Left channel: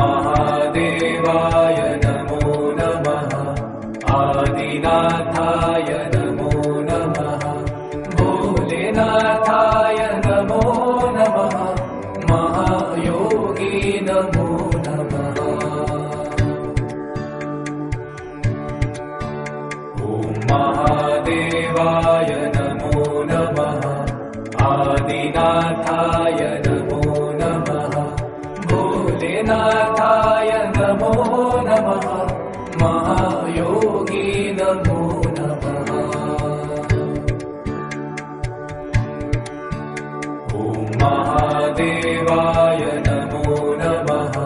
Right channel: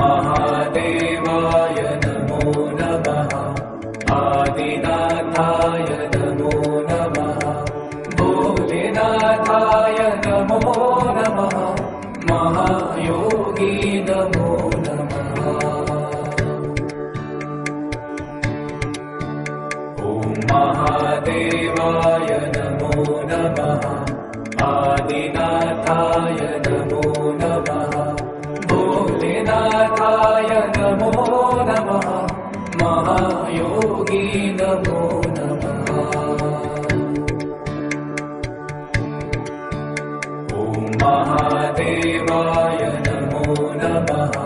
महादेवाय नमो नमः। आदिनाथाय नमो नमः। भोलेनाथाय नमो नमः। महायोगी नमो नमः। महादेवाय नमो नमः। आदिनाथाय नमो नमः। भोलेनाथाय नमो नमः। महायोगी नमो नमः। महादेवाय नमो नमः।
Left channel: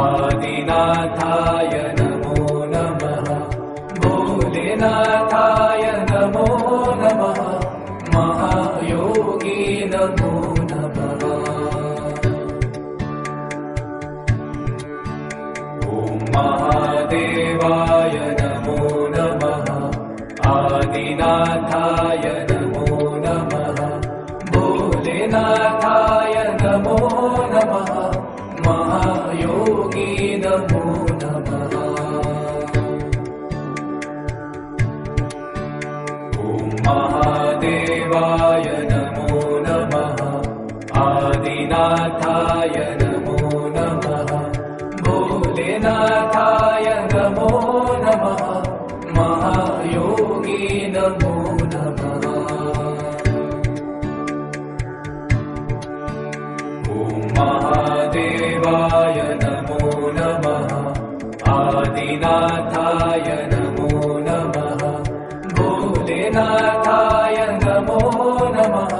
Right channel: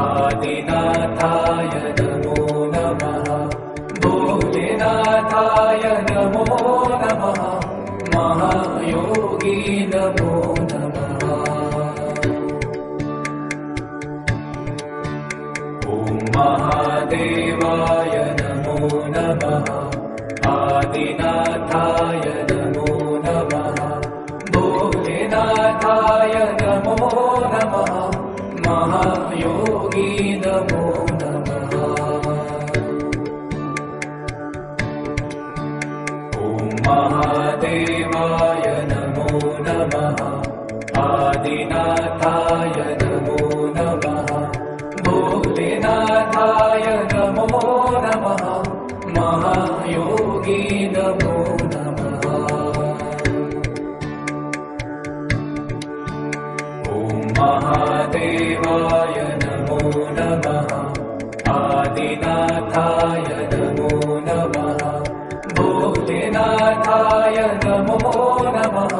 आदिनाथाय नमो नमः। भोलेनाथाय नमो नमः। महायोगी नमो नमः। महादेवाय नमो नमः। आदिनाथाय नमो नमः। भोलेनाथाय नमो नमः। महायोगी नमो नमः। महादेवाय नमो नमः। आदिनाथाय नमो नमः। भोलेनाथाय नमो नमः। महायोगी नमो नमः। महादेवाय नमो नमः। आदिनाथाय नमो नमः। भोलेनाथाय नमो नमः।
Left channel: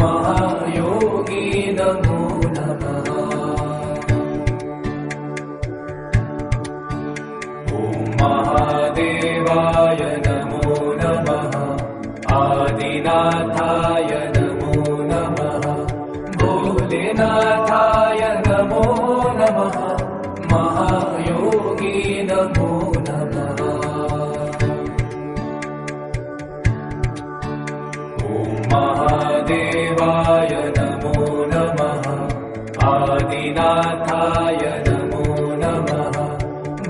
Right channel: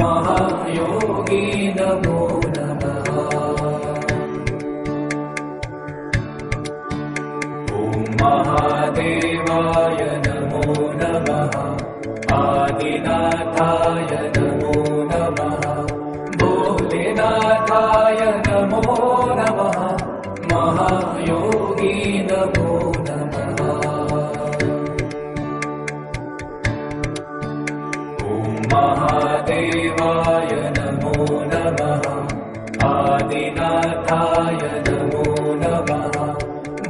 महायोगी नमो नमः। महादेवाय नमो नमः। आदिनाथाय नमो नमः। भोलेनाथाय नमो नमः। महायोगी नमो नमः। महादेवाय नमो नमः। आदिनाथाय नमो नमः।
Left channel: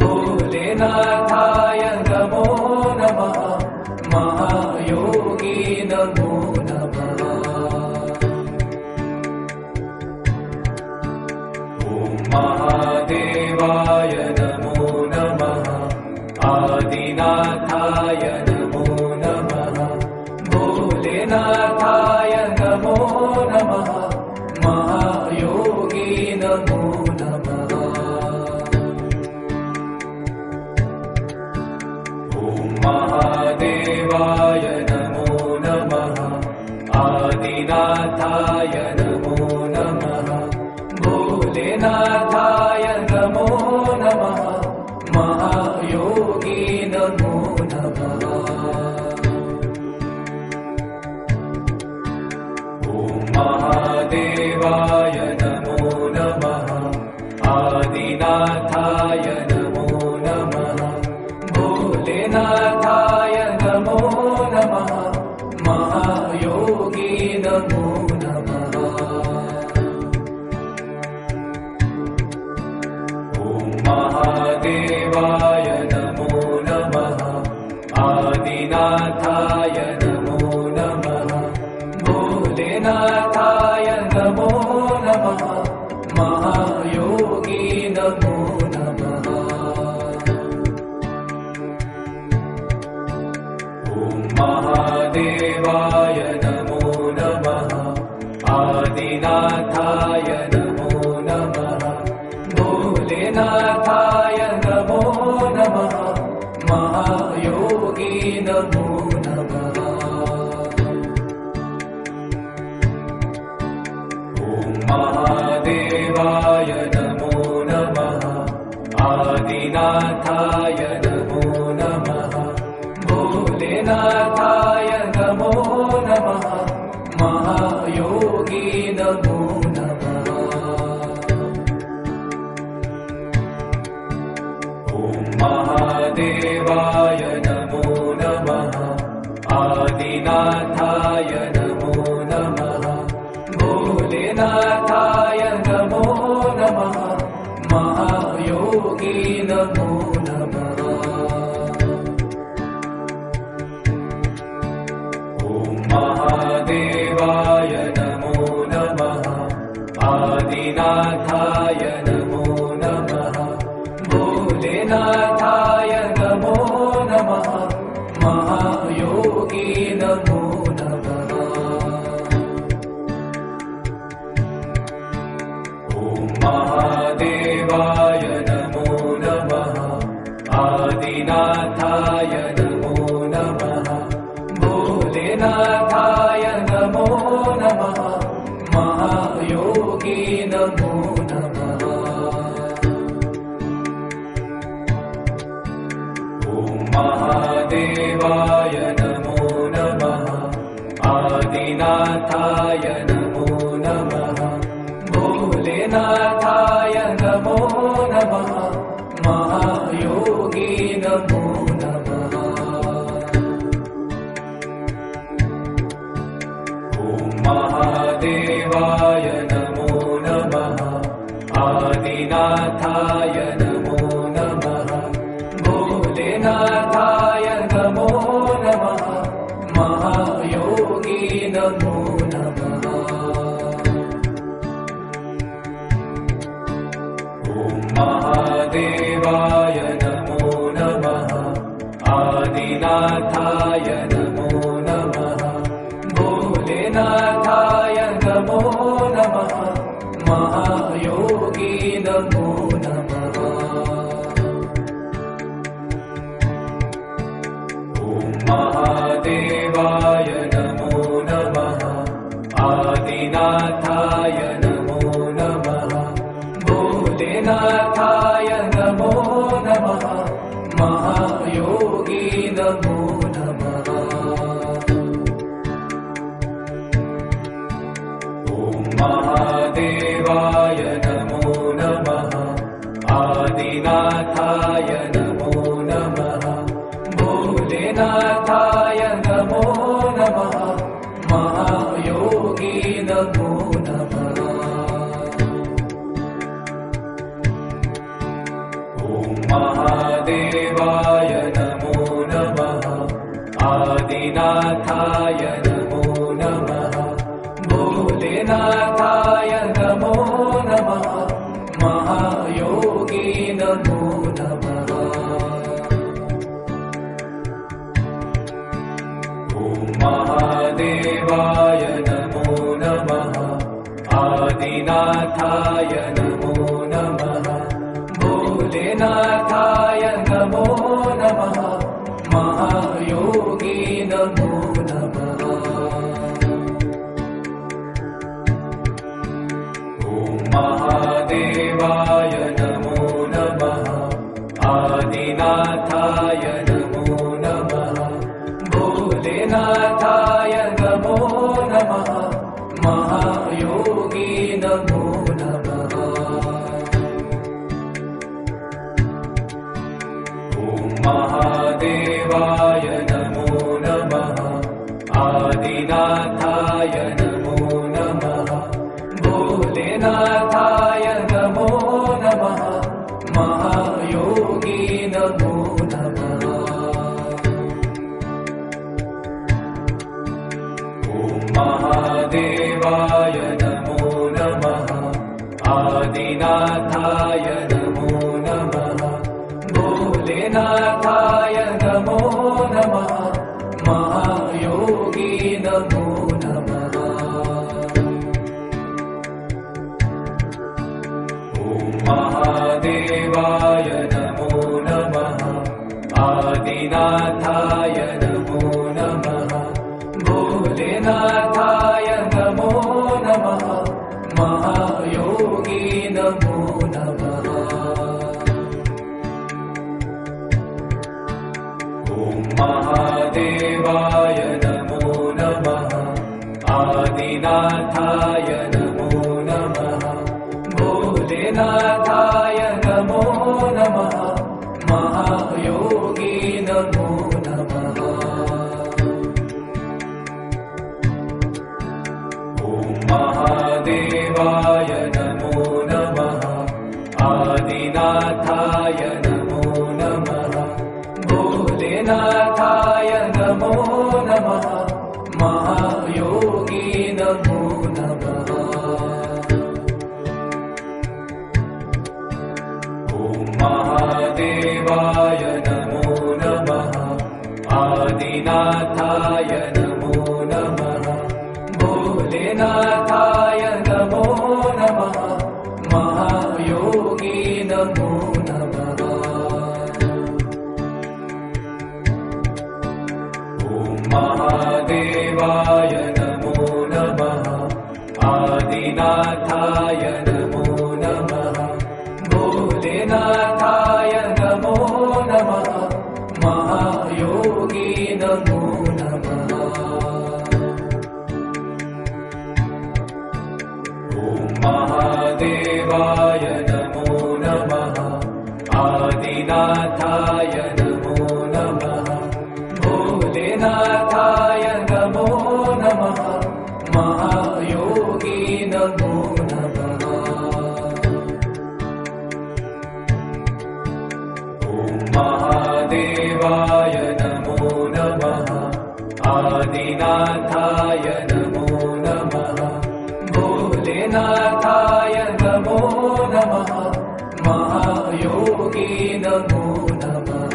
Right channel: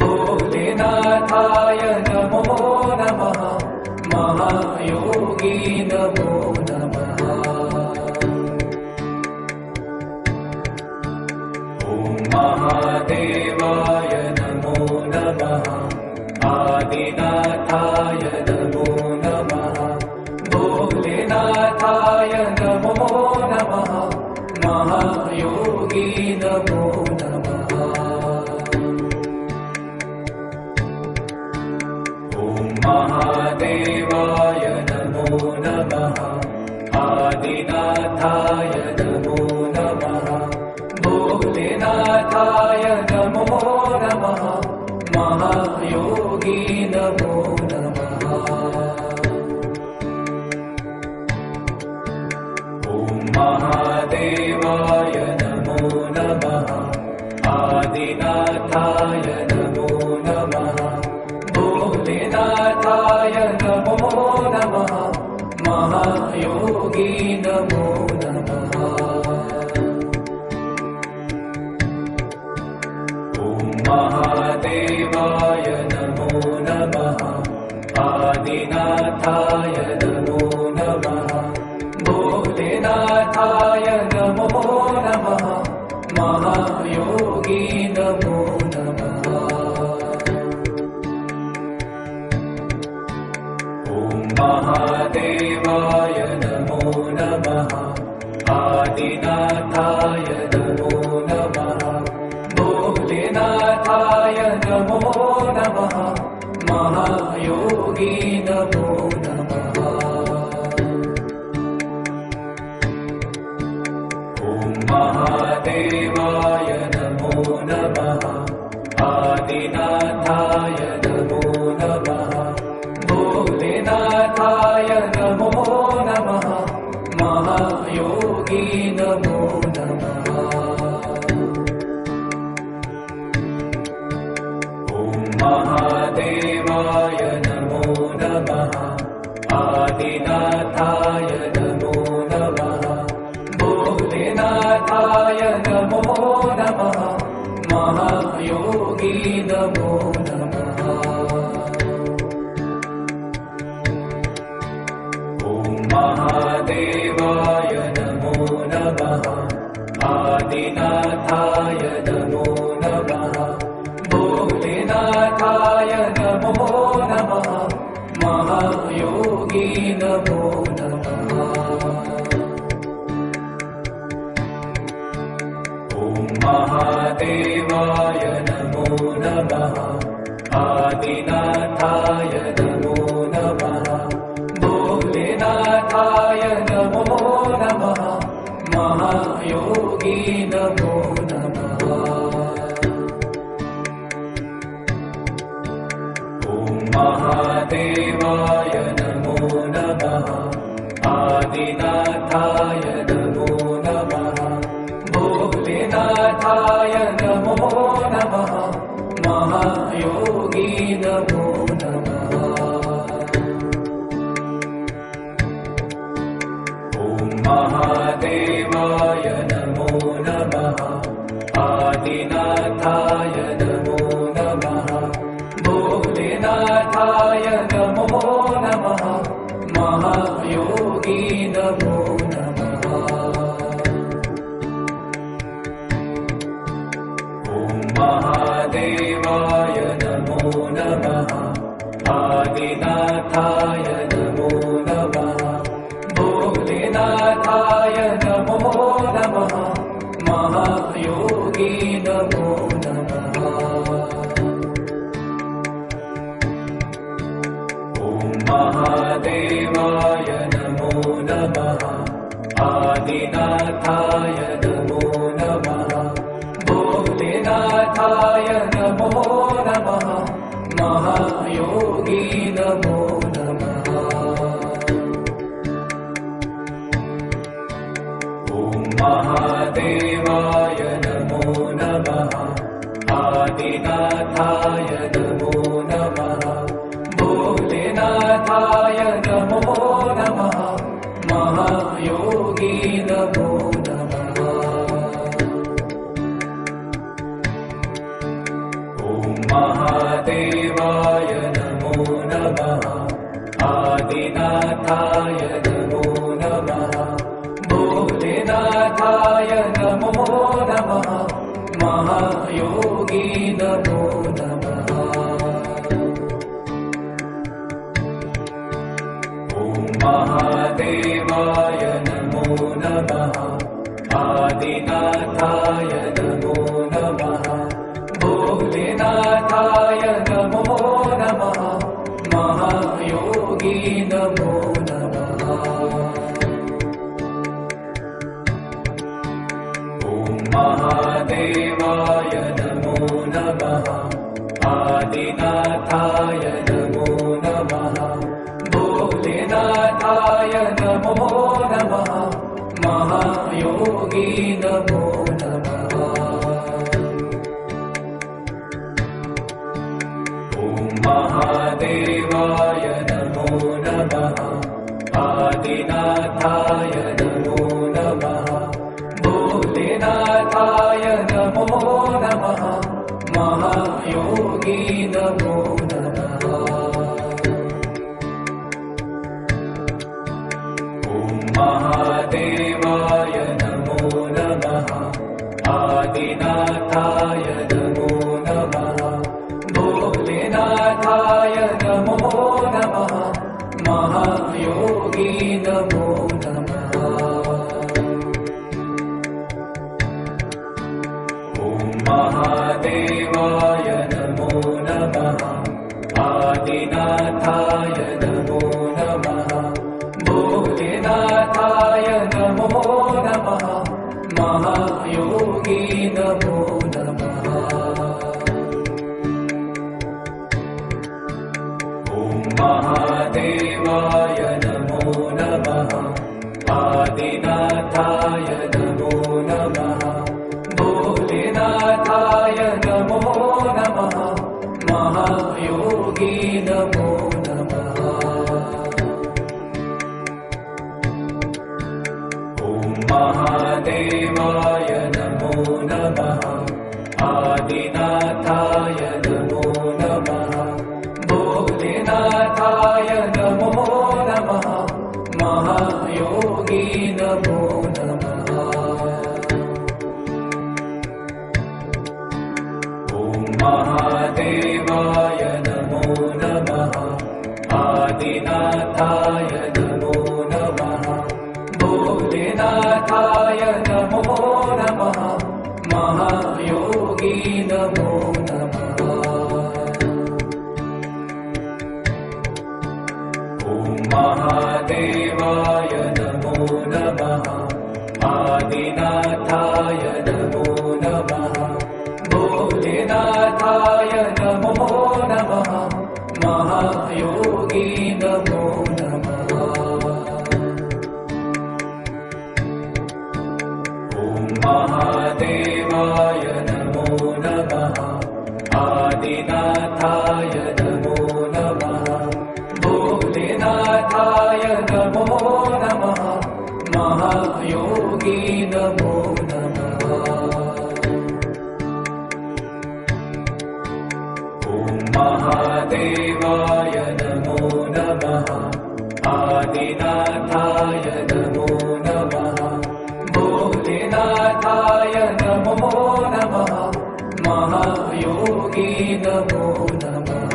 भोलेनाथाय नमो नमः। महायोगी नमो नमः। महादेवाय नमो नमः। आदिनाथाय नमो नमः। भोलेनाथाय नमो नमः। महायोगी नमो नमः। महादेवाय नमो नमः। आदिनाथाय नमो नमः। भोलेनाथाय नमो नमः। महायोगी नमो नमः। महादेवाय नमो नमः। आदिनाथाय नमो नमः। भोलेनाथाय नमो नमः। महायोगी नमो नमः। महादेवाय नमो नमः। आदिनाथाय नमो नमः। भोलेनाथाय नमो नमः। महायोगी नमो नमः। महादेवाय नमो नमः। आदिनाथाय नमो नमः। भोलेनाथाय नमो नमः। महायोगी नमो नमः। महादेवाय नमो नमः। आदिनाथाय नमो नमः। भोलेनाथाय नमो नमः। महायोगी नमो नमः। महादेवाय नमो नमः। आदिनाथाय नमो नमः। भोलेनाथाय नमो नमः। नमः आदिनाथाय नमो नमः भोलेनाथाय नमो नमः महायोगी नमो नमः ॐ महादेवाय नमो नमः आदिनाथाय नमो नमः भोलेनाथाय नमो नमः महायोगी नमो नमः ॐ महादेवाय नमो नमः आदिनाथाय नमो नमः भोलेनाथाय नमो नमः महायोगी नमो नमः ॐ महादेवाय नमो नमः आदिनाथाय नमो नमः भोलेनाथाय नमो नमः महायोगी नमो नमः ॐ महादेवाय नमो नमः आदिनाथाय नमो नमः भोलेनाथाय नमो नमः महायोगी नमो नमः ॐ महादेवाय नमो नमः आदिनाथाय नमो नमः भोलेनाथाय नमो नमः महायोगी नमो नमः ॐ महादेवाय नमो नमः आदिनाथाय नमो नमः भोलेनाथाय नमो नमः महायोगी नमो नमः ॐ महादेवाय नमो नमः आदिनाथाय नमो नमः भोलेनाथाय नमो नमः महायोगी नमो नमः ॐ महादेवाय नमो नमः आदिनाथाय नमो नमः भोलेनाथाय नमो नमः महायोगी नमो नमः ॐ महादेवाय नमो नमः आदिनाथाय नमो नमः भोलेनाथाय नमो नमः महायोगी नमो नमः ॐ महादेवाय नमो नमः आदिनाथाय नमो नमः भोलेनाथाय नमो नमः महायोगी नमो नमः ॐ महादेवाय नमो नमः आदिनाथाय नमो नमः भोलेनाथाय नमो नमः महायोगी नमो नमः ॐ महादेवाय नमो नमः आदिनाथाय नमो नमः भोलेनाथाय नमो नमः महायोगी नमो नमः ॐ महादेवाय नमो नमः आदिनाथाय नमो नमः भोलेनाथाय नमो नमः महायोगी नमो नमः ॐ महादेवाय नमो नमः आदिनाथाय नमो नमः भोलेनाथाय नमो नमः महायोगी नमो नमः आदिनाथाय नमो नमः भोलेनाथाय नमो नमः महायोगी नमो नमः ॐ महादेवाय नमो नमः आदिनाथाय नमो नमः भोलेनाथाय नमो नमः महायोगी नमो नमः ॐ महादेवाय नमो नमः आदिनाथाय नमो नमः भोलेनाथाय नमो नमः महायोगी नमो नमः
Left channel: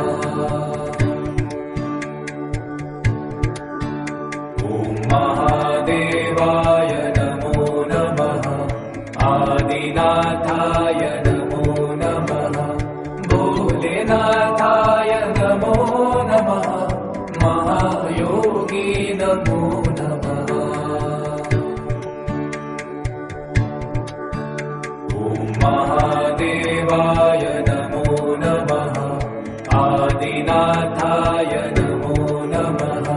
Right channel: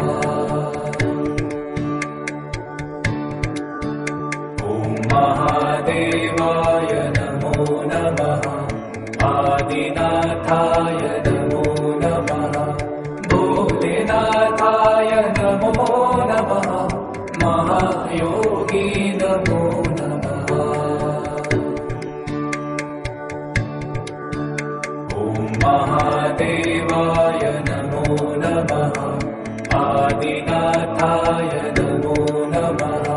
ॐ महादेवाय नमो नमः आदिनाथाय नमो नमः भोलेनाथाय नमो नमः महायोगी नमो नमः ॐ महादेवाय नमो नमः आदिनाथाय नमो नमः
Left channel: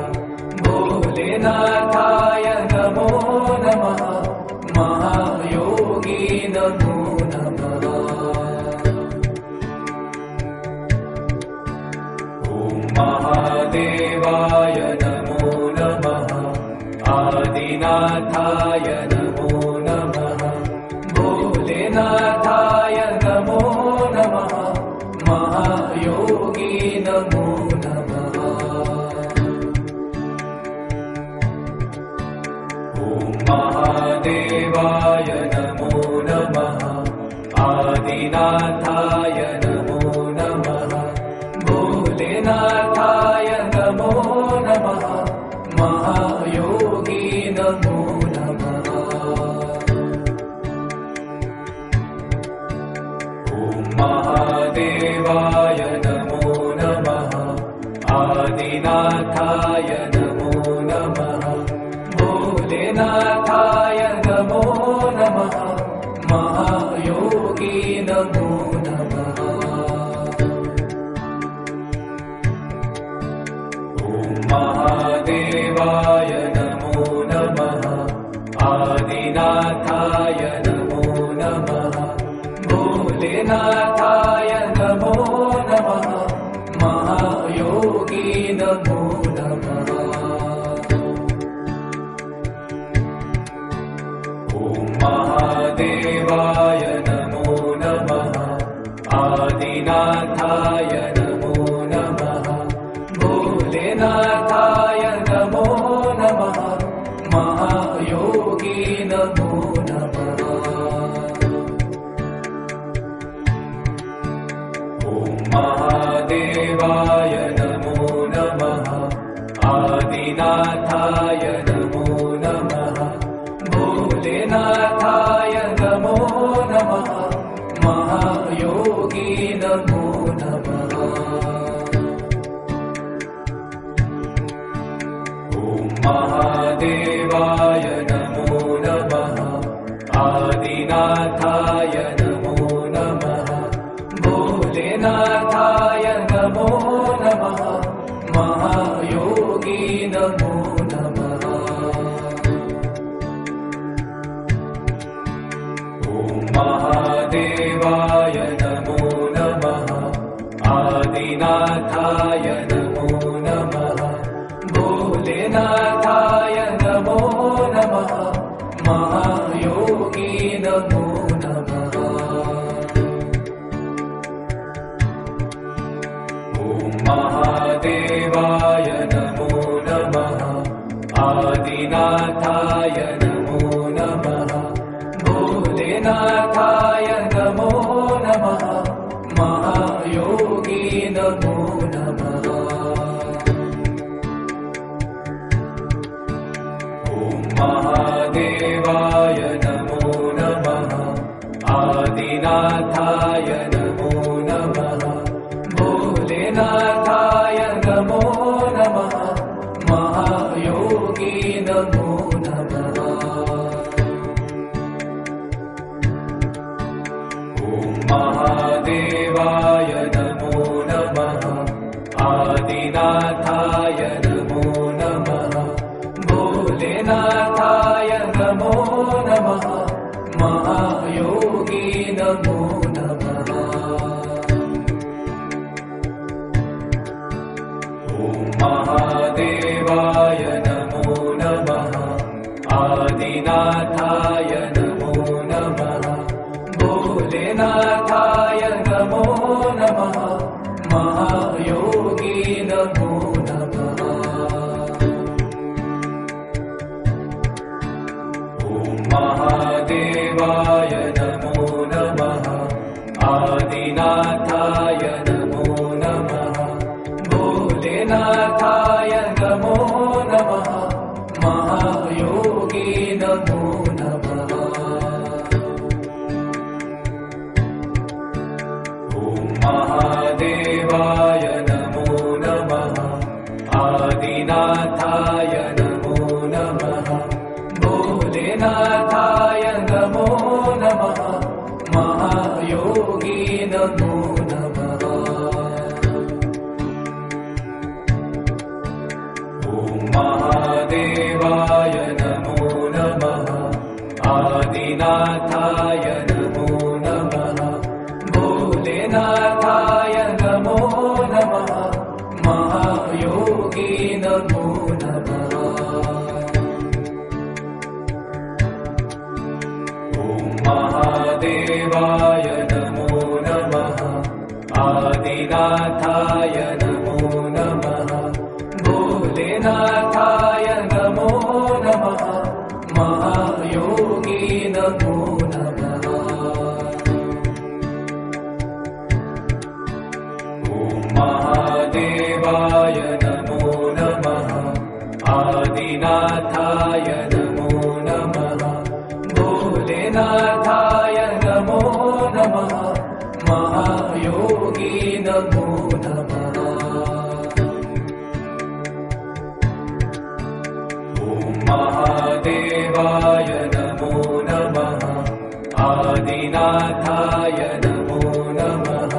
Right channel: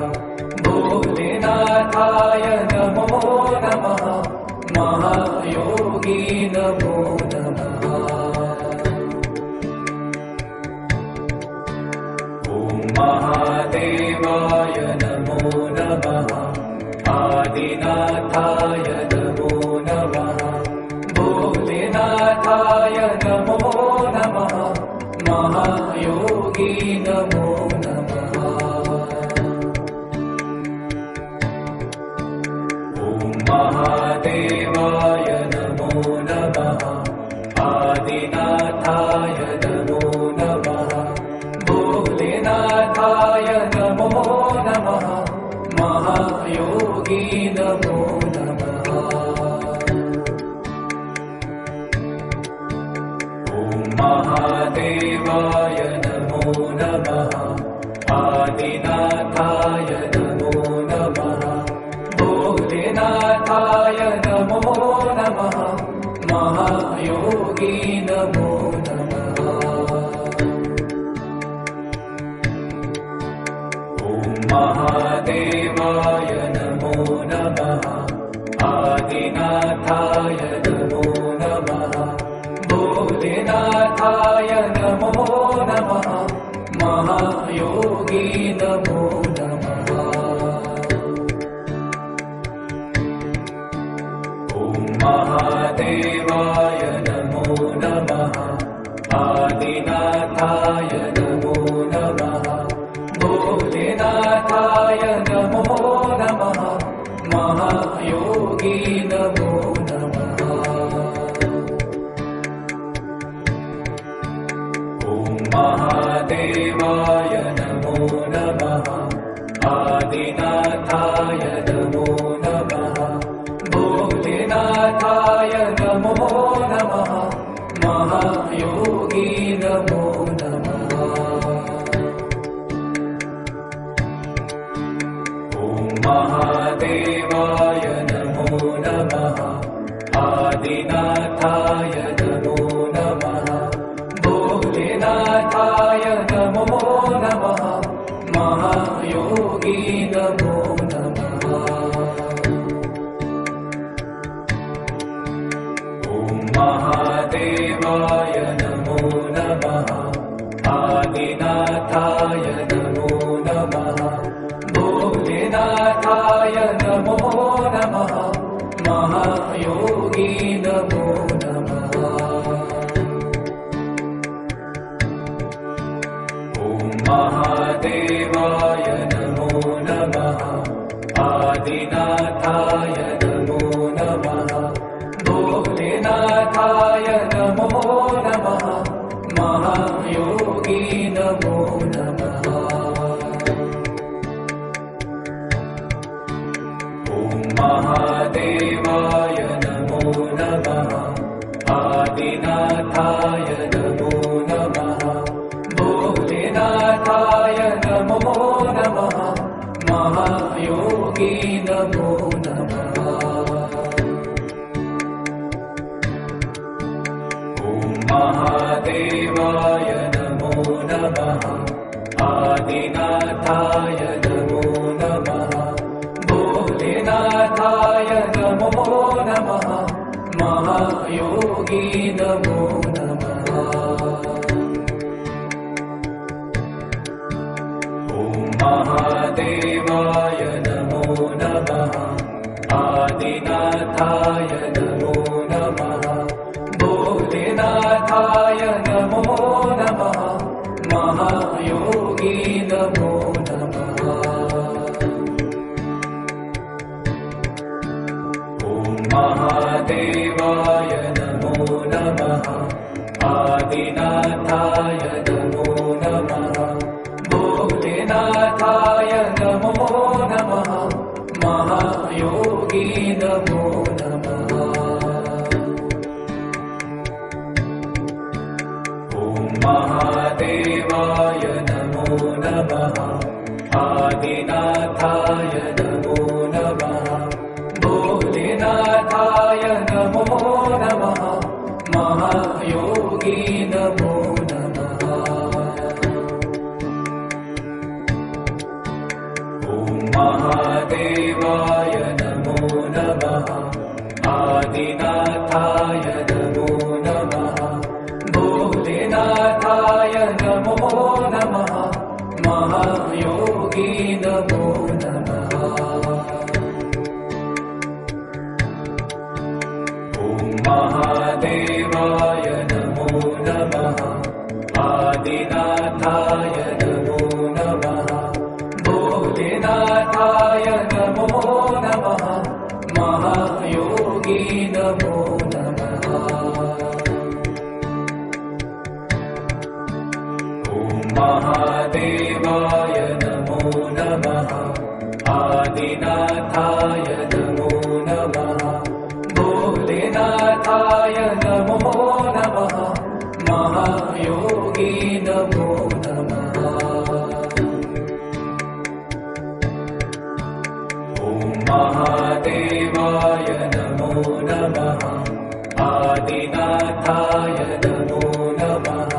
भोलेनाथाय नमो नमः महायोगी नमो नमः ॐ महादेवाय नमो नमः आदिनाथाय नमो नमः भोलेनाथाय नमो नमः महायोगी नमो नमः ॐ महादेवाय नमो नमः आदिनाथाय नमो नमः भोलेनाथाय नमो नमः महायोगी नमो नमः ॐ महादेवाय नमो नमः आदिनाथाय नमो नमः भोलेनाथाय नमो नमः महायोगी नमो नमः ॐ महादेवाय नमो नमः आदिनाथाय नमो नमः भोलेनाथाय नमो नमः महायोगी नमो नमः ॐ महादेवाय नमो नमः आदिनाथाय नमो नमः भोलेनाथाय नमो नमः महायोगी नमो नमः ॐ महादेवाय नमो नमः आदिनाथाय नमो नमः भोलेनाथाय नमो नमः महायोगी नमो नमः ॐ महादेवाय नमो नमः आदिनाथाय नमो नमः भोलेनाथाय नमो नमः महायोगी नमो नमः ॐ महादेवाय नमो नमः आदिनाथाय नमो नमः भोलेनाथाय नमो नमः महायोगी नमो नमः ॐ महादेवाय नमो नमः आदिनाथाय नमो नमः भोलेनाथाय नमो नमः महायोगी नमो नमः महायोगी नमो नमः। ॐ महादेवाय नमो नमः। आदिनाथाय नमो नमः। भोलेनाथाय नमो नमः। महायोगी नमो नमः। ॐ महादेवाय नमो नमः। आदिनाथाय नमो नमः। भोलेनाथाय नमो नमः। महायोगी नमो नमः। ॐ महादेवाय नमो नमः। आदिनाथाय नमो नमः। भोलेनाथाय नमो नमः। महायोगी नमो नमः। ॐ महादेवाय नमो नमः। आदिनाथाय नमो नमः। भोलेनाथाय नमो नमः। महायोगी नमो नमः। ॐ महादेवाय नमो नमः। आदिनाथाय नमो नमः। भोलेनाथाय नमो नमः। महायोगी नमो नमः। ॐ महादेवाय नमो नमः। आदिनाथाय नमो नमः। भोलेनाथाय नमो नमः। महायोगी नमो नमः। ॐ महादेवाय नमो नमः। आदिनाथाय नमो नमः।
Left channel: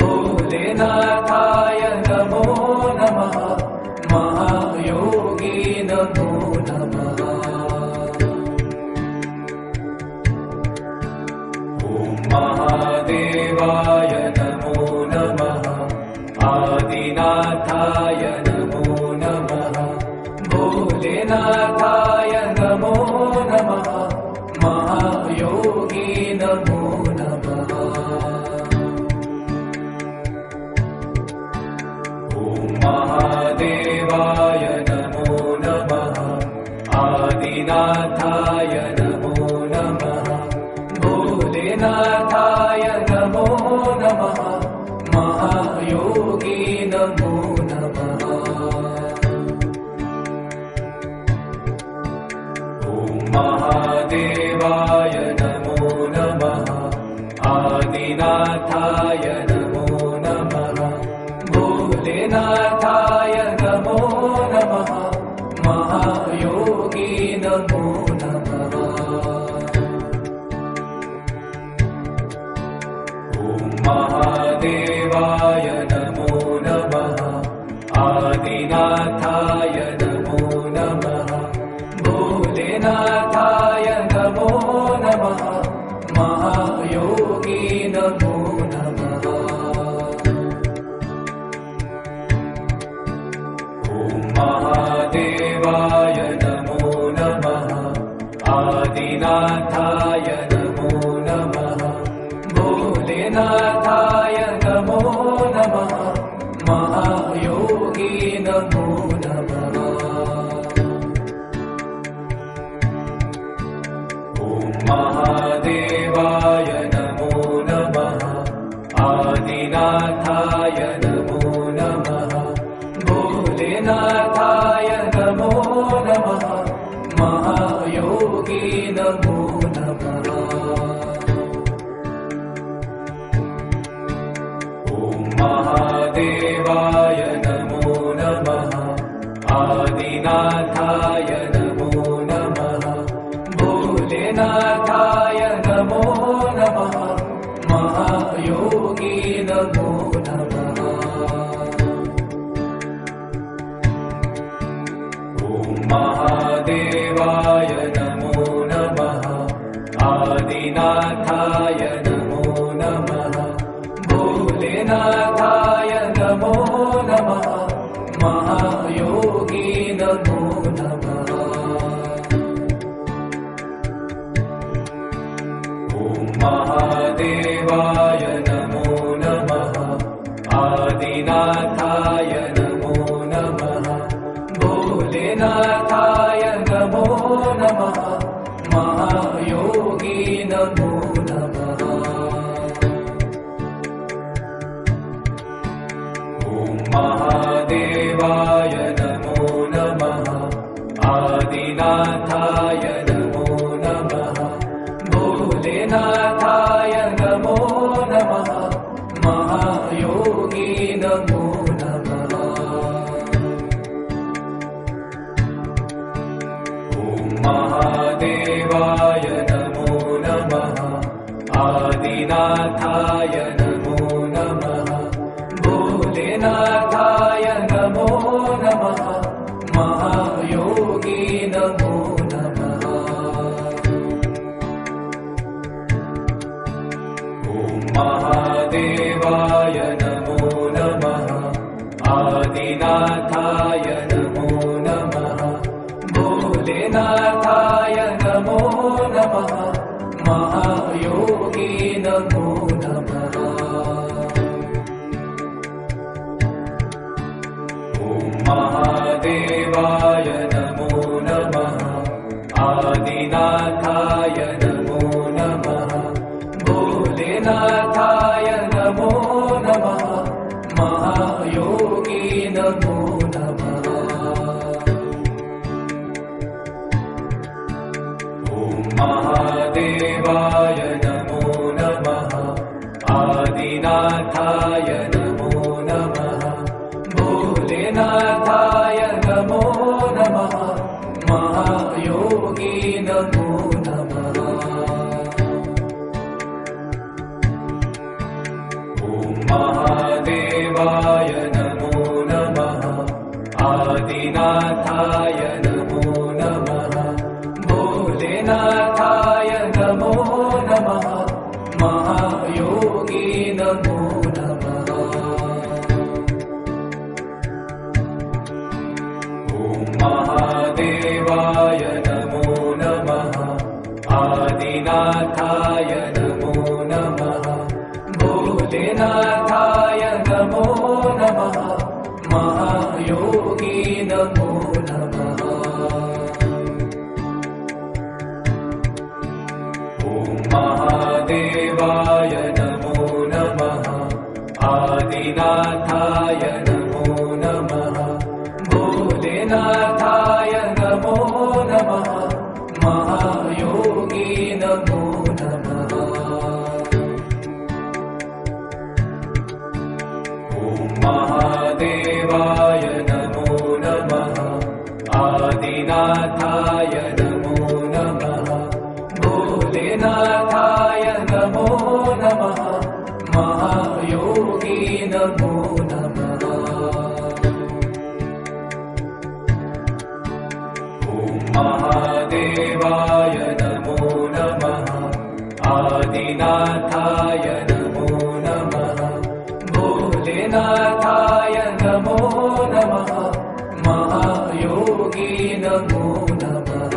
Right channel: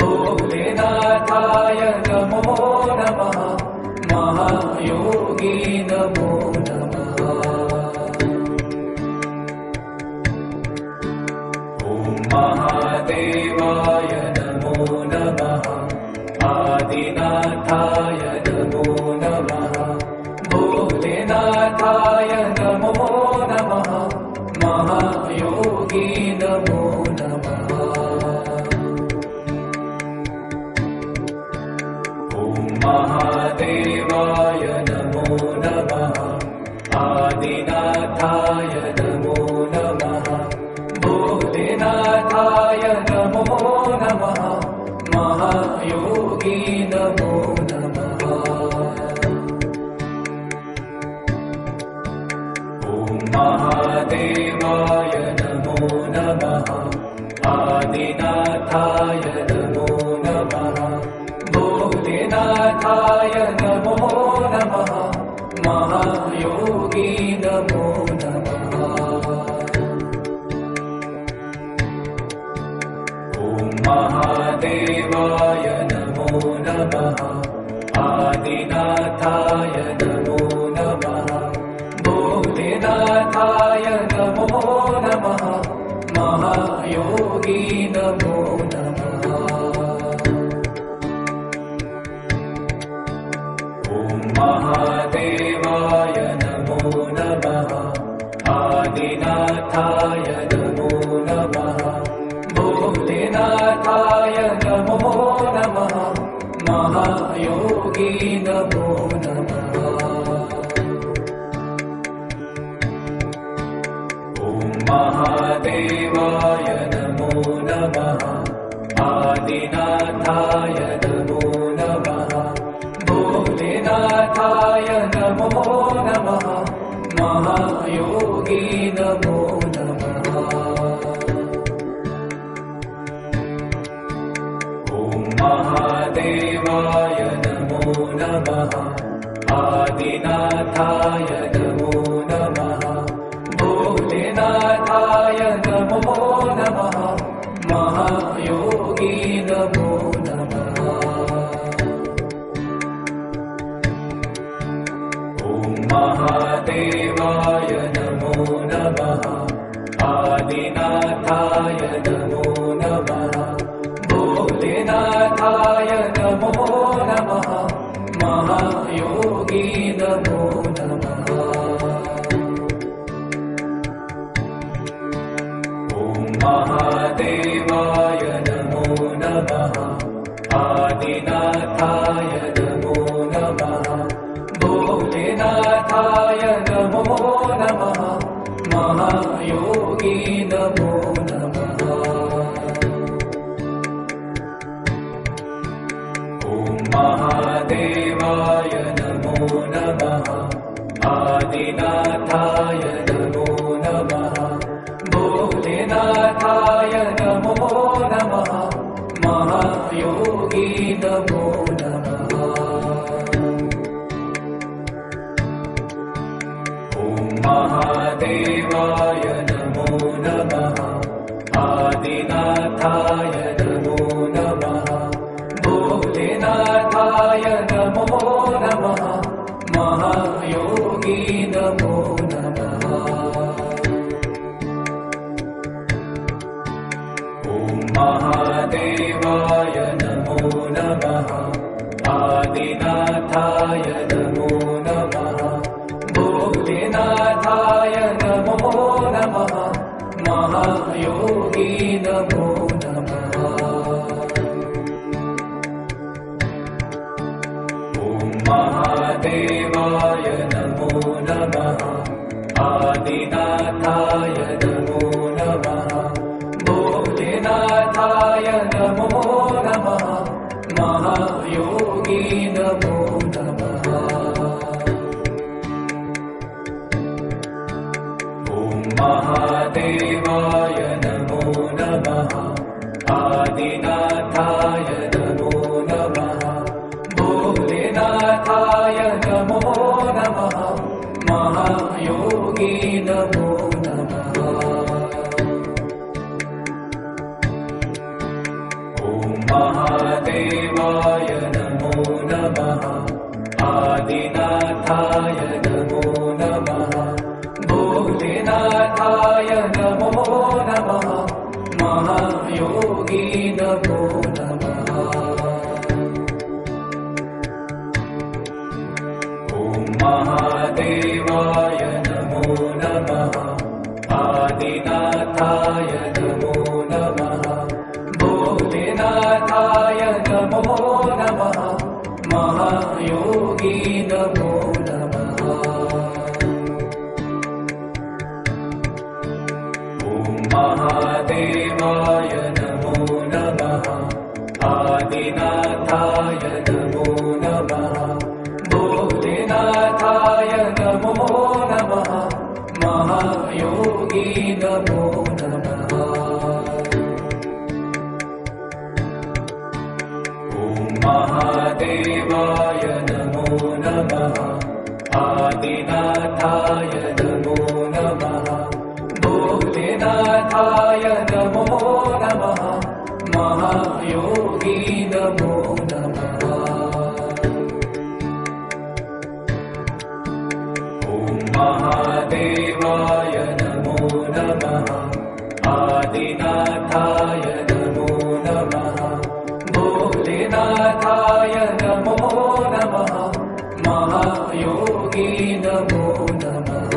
भोलेनाथाय नमो नमः। महायोगी नमो नमः। ॐ महादेवाय नमो नमः। आदिनाथाय नमो नमः। भोलेनाथाय नमो नमः। महायोगी नमो नमः। ॐ महादेवाय नमो नमः। आदिनाथाय नमो नमः। भोलेनाथाय नमो नमः। महायोगी नमो नमः। ॐ महादेवाय नमो नमः। आदिनाथाय नमो नमः। भोलेनाथाय नमो नमः। महायोगी नमो नमः। ॐ महादेवाय नमो नमः। आदिनाथाय नमो नमः। भोलेनाथाय नमो नमः। महायोगी नमो नमः। ॐ महादेवाय नमो नमः। आदिनाथाय नमो नमः। भोलेनाथाय नमो नमः। महायोगी नमो नमः। ॐ महादेवाय नमो नमः। आदिनाथाय नमो नमः। भोलेनाथाय नमो नमः। महायोगी नमो नमः। ॐ महादेवाय नमो नमः। आदिनाथाय नमो नमः। भोलेनाथाय नमो नमः। महायोगी नमो नमः। आदिनाथाय नमो नमः भोलेनाथाय नमो नमः महायोगी नमो नमः ॐ महादेवाय नमो नमः आदिनाथाय नमो नमः भोलेनाथाय नमो नमः महायोगी नमो नमः ॐ महादेवाय नमो नमः आदिनाथाय नमो नमः भोलेनाथाय नमो नमः महायोगी नमो नमः ॐ महादेवाय नमो नमः आदिनाथाय नमो नमः भोलेनाथाय नमो नमः महायोगी नमो नमः ॐ महादेवाय नमो नमः आदिनाथाय नमो नमः भोलेनाथाय नमो नमः महायोगी नमो नमः ॐ महादेवाय नमो नमः आदिनाथाय नमो नमः भोलेनाथाय नमो नमः महायोगी नमो नमः ॐ महादेवाय नमो नमः आदिनाथाय नमो नमः भोलेनाथाय नमो नमः महायोगी नमो नमः ॐ महादेवाय नमो नमः आदिनाथाय नमो नमः भोलेनाथाय नमो नमः महायोगी नमो नमः ॐ महादेवाय नमो नमः आदिनाथाय नमो नमः भोलेनाथाय नमो नमः महायोगी नमो नमः ॐ महादेवाय नमो नमः आदिनाथाय नमो नमः भोलेनाथाय नमो नमः महायोगी नमो नमः ॐ महादेवाय नमो नमः आदिनाथाय नमो नमः भोलेनाथाय नमो नमः महायोगी नमो नमः ॐ महादेवाय नमो नमः आदिनाथाय नमो नमः भोलेनाथाय नमो नमः महायोगी नमो नमः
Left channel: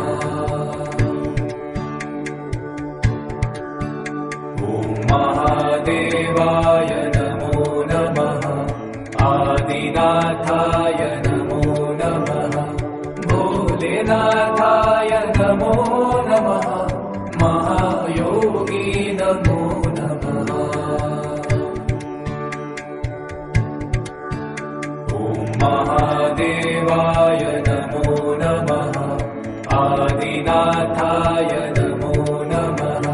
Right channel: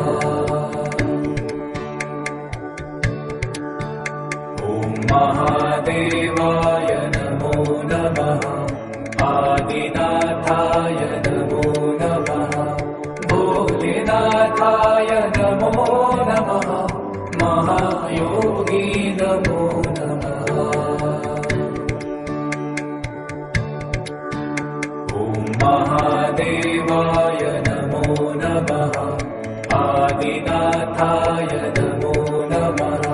ॐ महादेवाय नमो नमः आदिनाथाय नमो नमः भोलेनाथाय नमो नमः महायोगी नमो नमः ॐ महादेवाय नमो नमः आदिनाथाय नमो नमः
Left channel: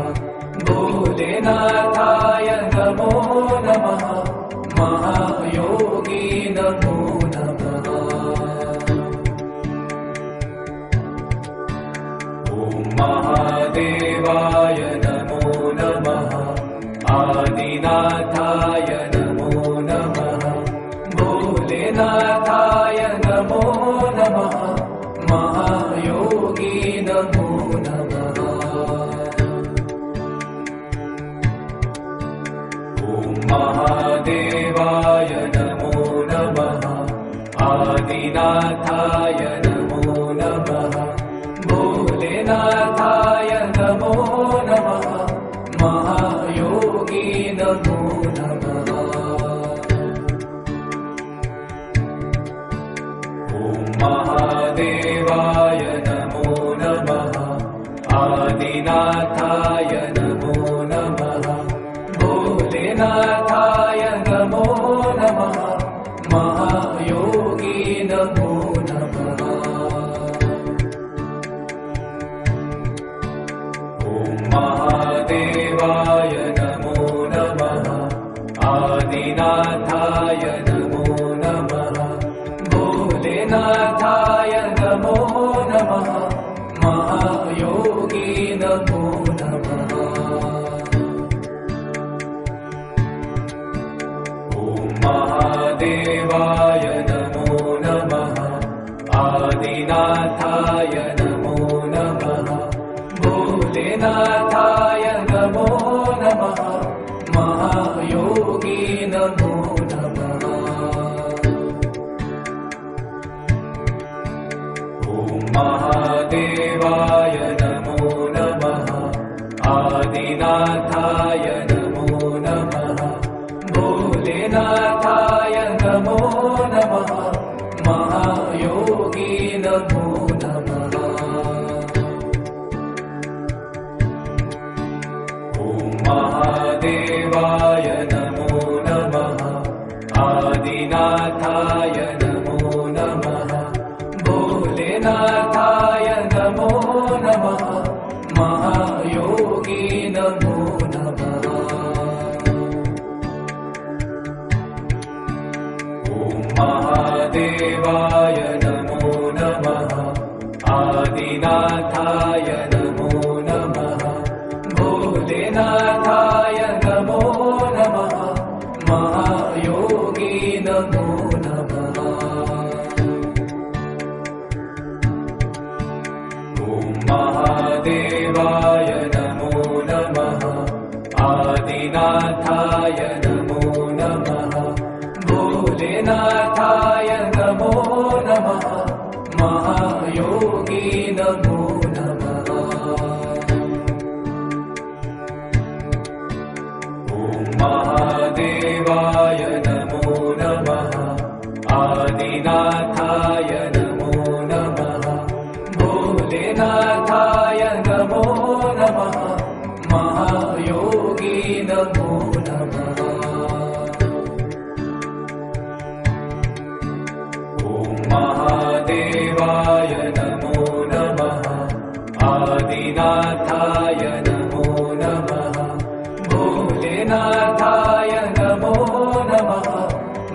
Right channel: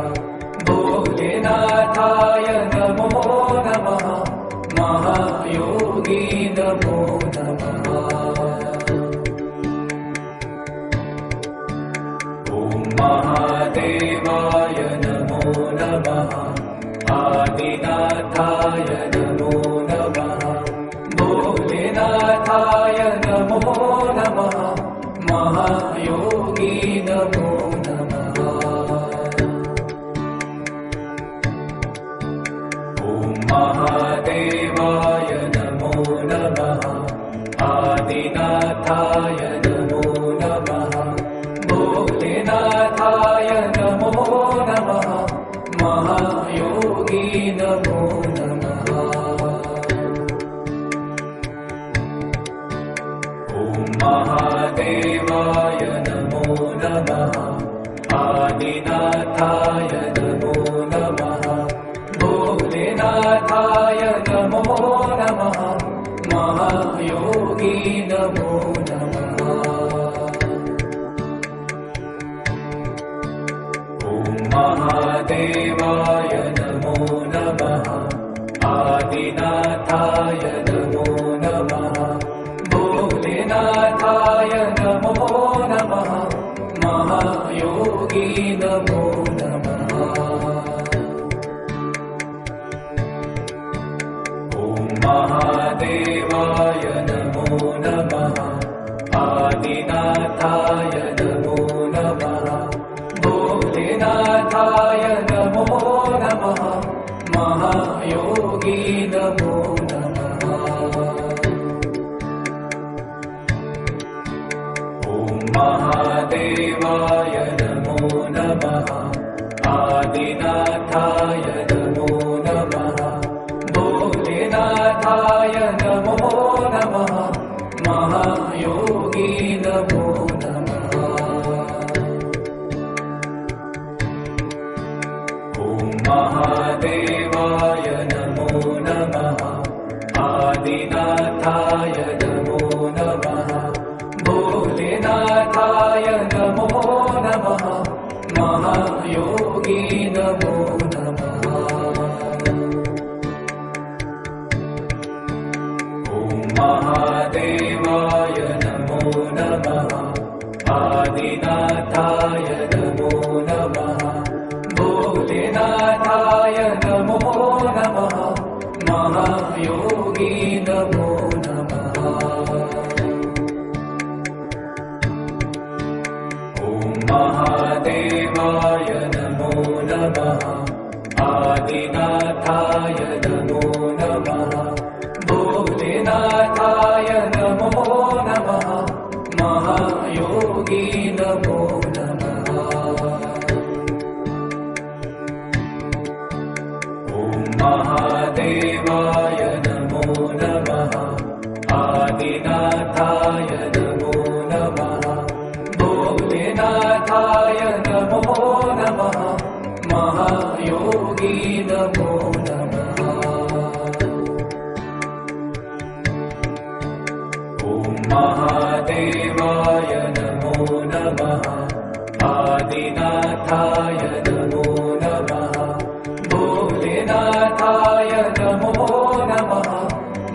भोलेनाथाय नमो नमः महायोगी नमो नमः ॐ महादेवाय नमो नमः नमो नमः भोलेनाथाय नमो नमः महायोगी नमो नमः ॐ महादेवाय नमो नमः आदिनाथाय नमो नमः भोलेनाथाय नमो नमः महायोगी नमो नमः ॐ महादेवाय नमो नमः आदिनाथाय नमो नमः भोलेनाथाय नमो नमः महायोगी नमो नमः ॐ महादेवाय नमो नमः आदिनाथाय नमो नमः भोलेनाथाय नमो नमः महायोगी नमो नमः ॐ महादेवाय नमो नमः आदिनाथाय नमो नमः भोलेनाथाय नमो नमः महायोगी नमो नमः ॐ महादेवाय नमो नमः आदिनाथाय नमो नमः भोलेनाथाय नमो नमः महायोगी नमो नमः ॐ महादेवाय नमो नमः आदिनाथाय नमो नमः भोलेनाथाय नमो नमः महायोगी नमो नमः ॐ महादेवाय नमो नमः आदिनाथाय नमो नमः भोलेनाथाय नमो नमः महायोगी नमो नमः ॐ महादेवाय नमो नमः आदिनाथाय नमो नमः भोलेनाथाय नमो नमः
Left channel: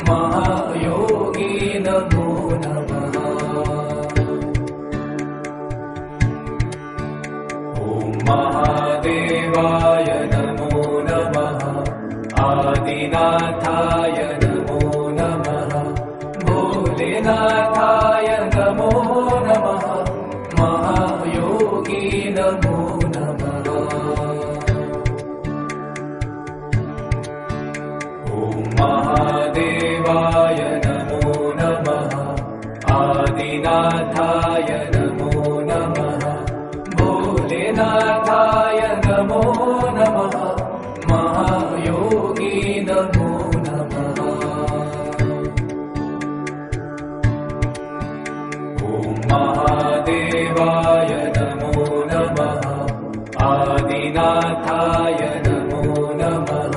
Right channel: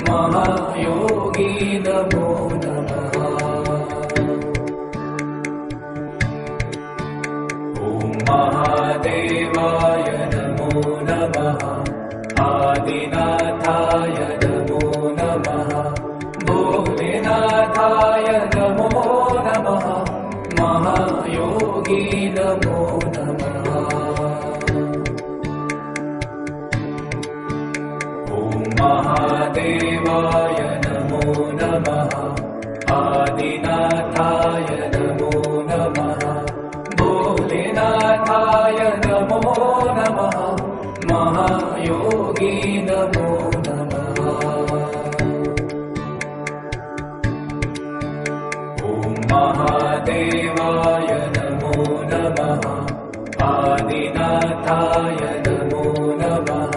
महायोगी नमो नमः ॐ महादेवाय नमो नमः आदिनाथाय नमो नमः भोलेनाथाय नमो नमः महायोगी नमो नमः ॐ महादेवाय नमो नमः आदिनाथाय नमो नमः भोलेनाथाय नमो नमः महायोगी नमो नमः ॐ महादेवाय नमो नमः आदिनाथाय नमो नमः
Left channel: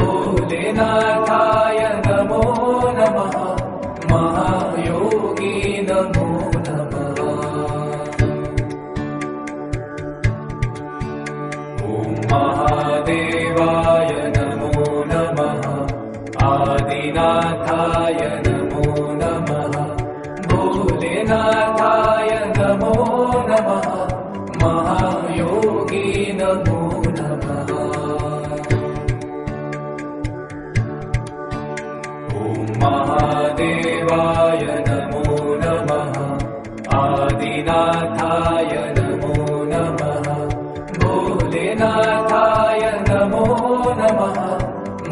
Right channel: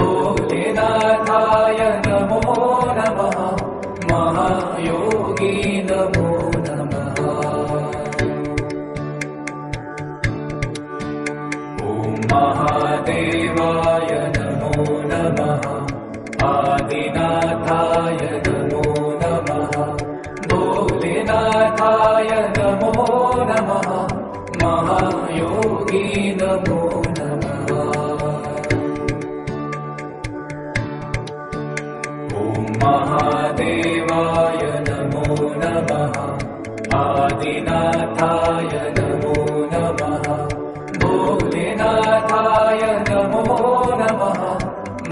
भोलेनाथाय नमो नमः महायोगी नमो नमः ॐ महादेवाय नमो नमः आदिनाथाय नमो नमः भोलेनाथाय नमो नमः महायोगी नमो नमः ॐ महादेवाय नमो नमः आदिनाथाय नमो नमः भोलेनाथाय नमो नमः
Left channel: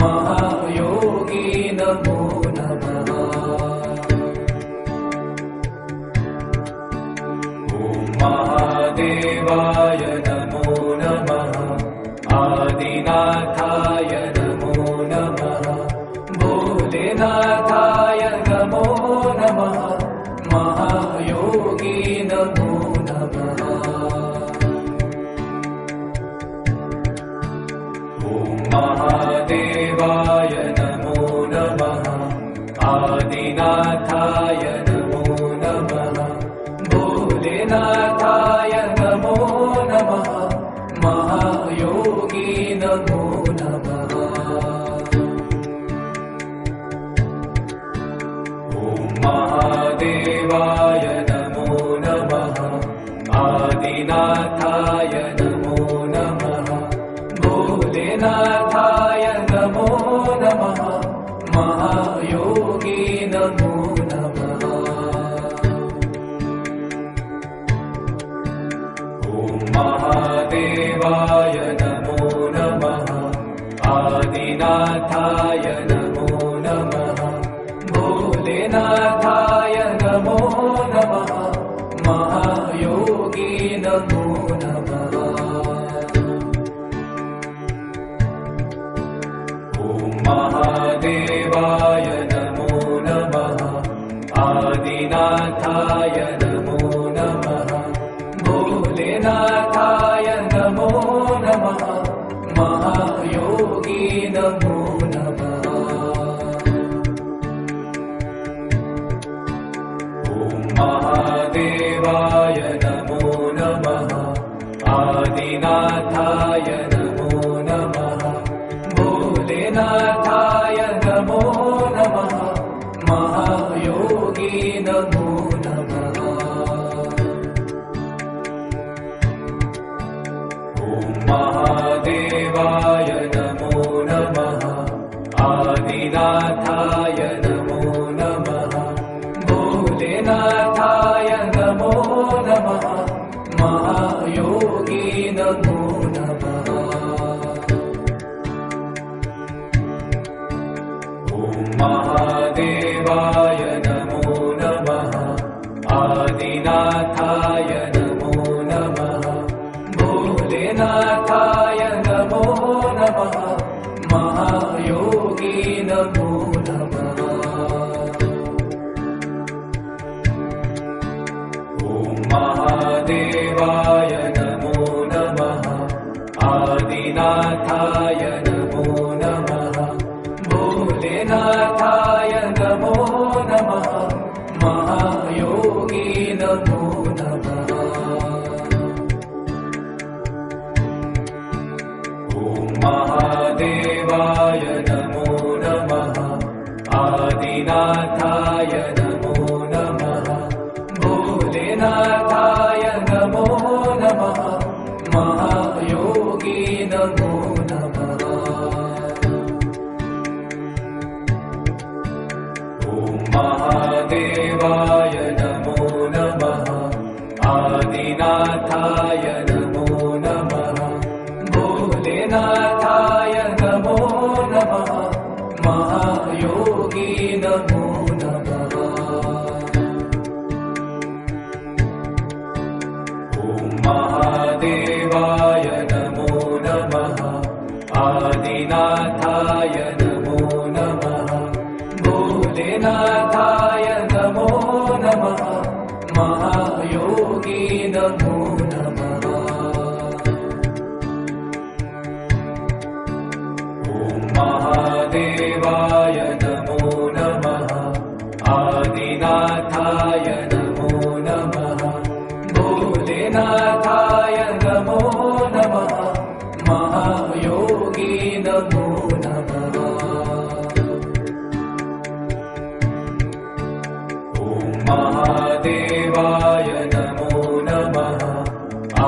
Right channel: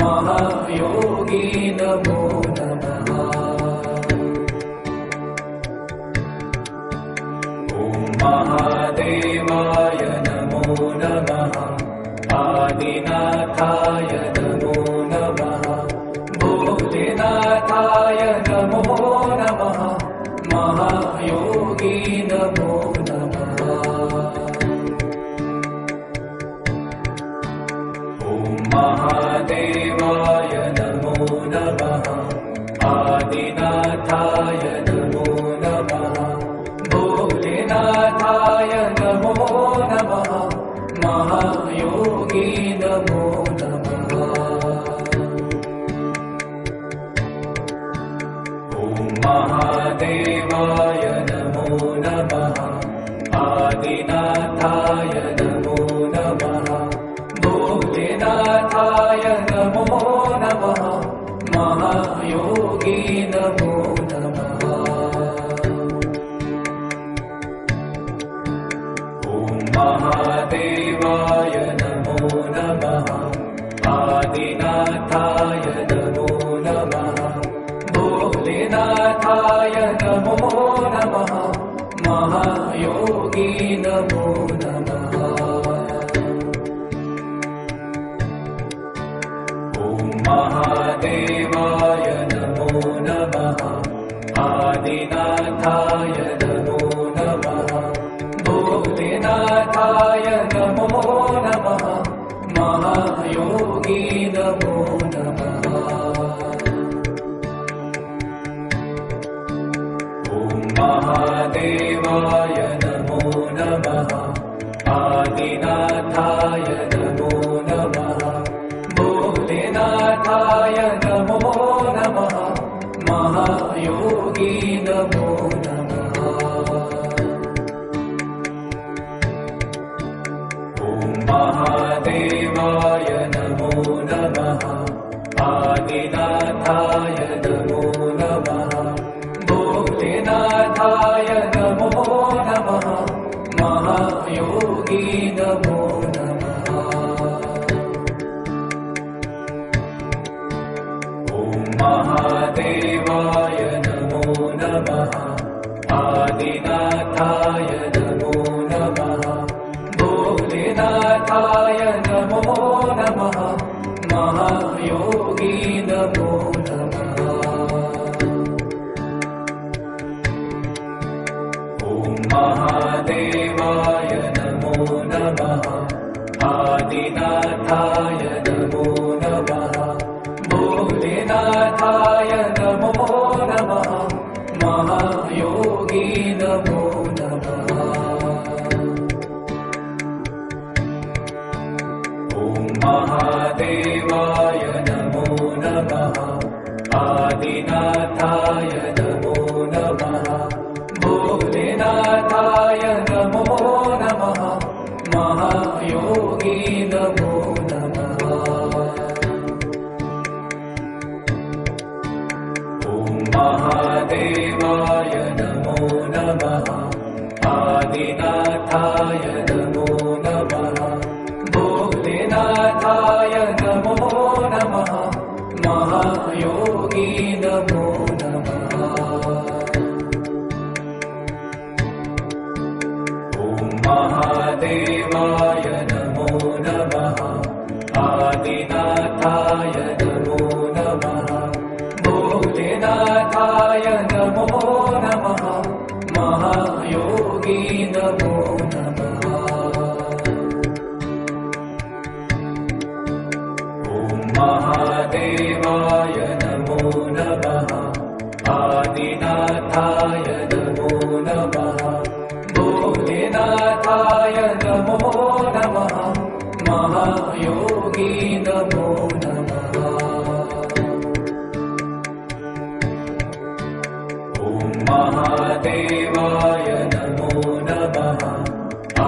महायोगी नमो नमः ॐ महादेवाय नमो नमः आदिनाथाय नमो नमः भोलेनाथाय नमो नमः महायोगी नमो नमः ॐ महादेवाय नमो नमः आदिनाथाय नमो नमः भोलेनाथाय नमो नमः महायोगी नमो नमः ॐ महादेवाय नमो नमः आदिनाथाय नमो नमः भोलेनाथाय नमो नमः महायोगी नमो नमः ॐ महादेवाय नमो नमः आदिनाथाय नमो नमः भोलेनाथाय नमो नमः महायोगी नमो नमः ॐ महादेवाय नमो नमः आदिनाथाय नमो नमः भोलेनाथाय नमो नमः महायोगी नमो नमः ॐ महादेवाय नमो नमः आदिनाथाय नमो नमः भोलेनाथाय नमो नमः महायोगी नमो नमः ॐ महादेवाय नमो नमः आदिनाथाय नमो नमः भोलेनाथाय नमो नमः महायोगी नमो नमः ॐ महादेवाय नमो नमः आदिनाथाय नमो नमः भोलेनाथाय नमो नमः महायोगी नमो नमः ॐ महादेवाय नमो नमः आदिनाथाय नमो नमः भोलेनाथाय नमो नमः महायोगी नमो नमः ॐ महादेवाय नमो नमः आदिनाथाय नमो नमः भोलेनाथाय नमो नमः महायोगी नमो नमः ॐ महादेवाय नमो नमः आदिनाथाय नमो नमः भोलेनाथाय नमो नमः महायोगी नमो नमः ॐ महादेवाय नमो नमः आदिनाथाय नमो नमः भोलेनाथाय नमो नमः महायोगी नमो नमः ॐ महादेवाय नमो नमः आदिनाथाय नमो नमः भोलेनाथाय नमो नमः महायोगी नमो नमः ॐ महादेवाय नमो नमः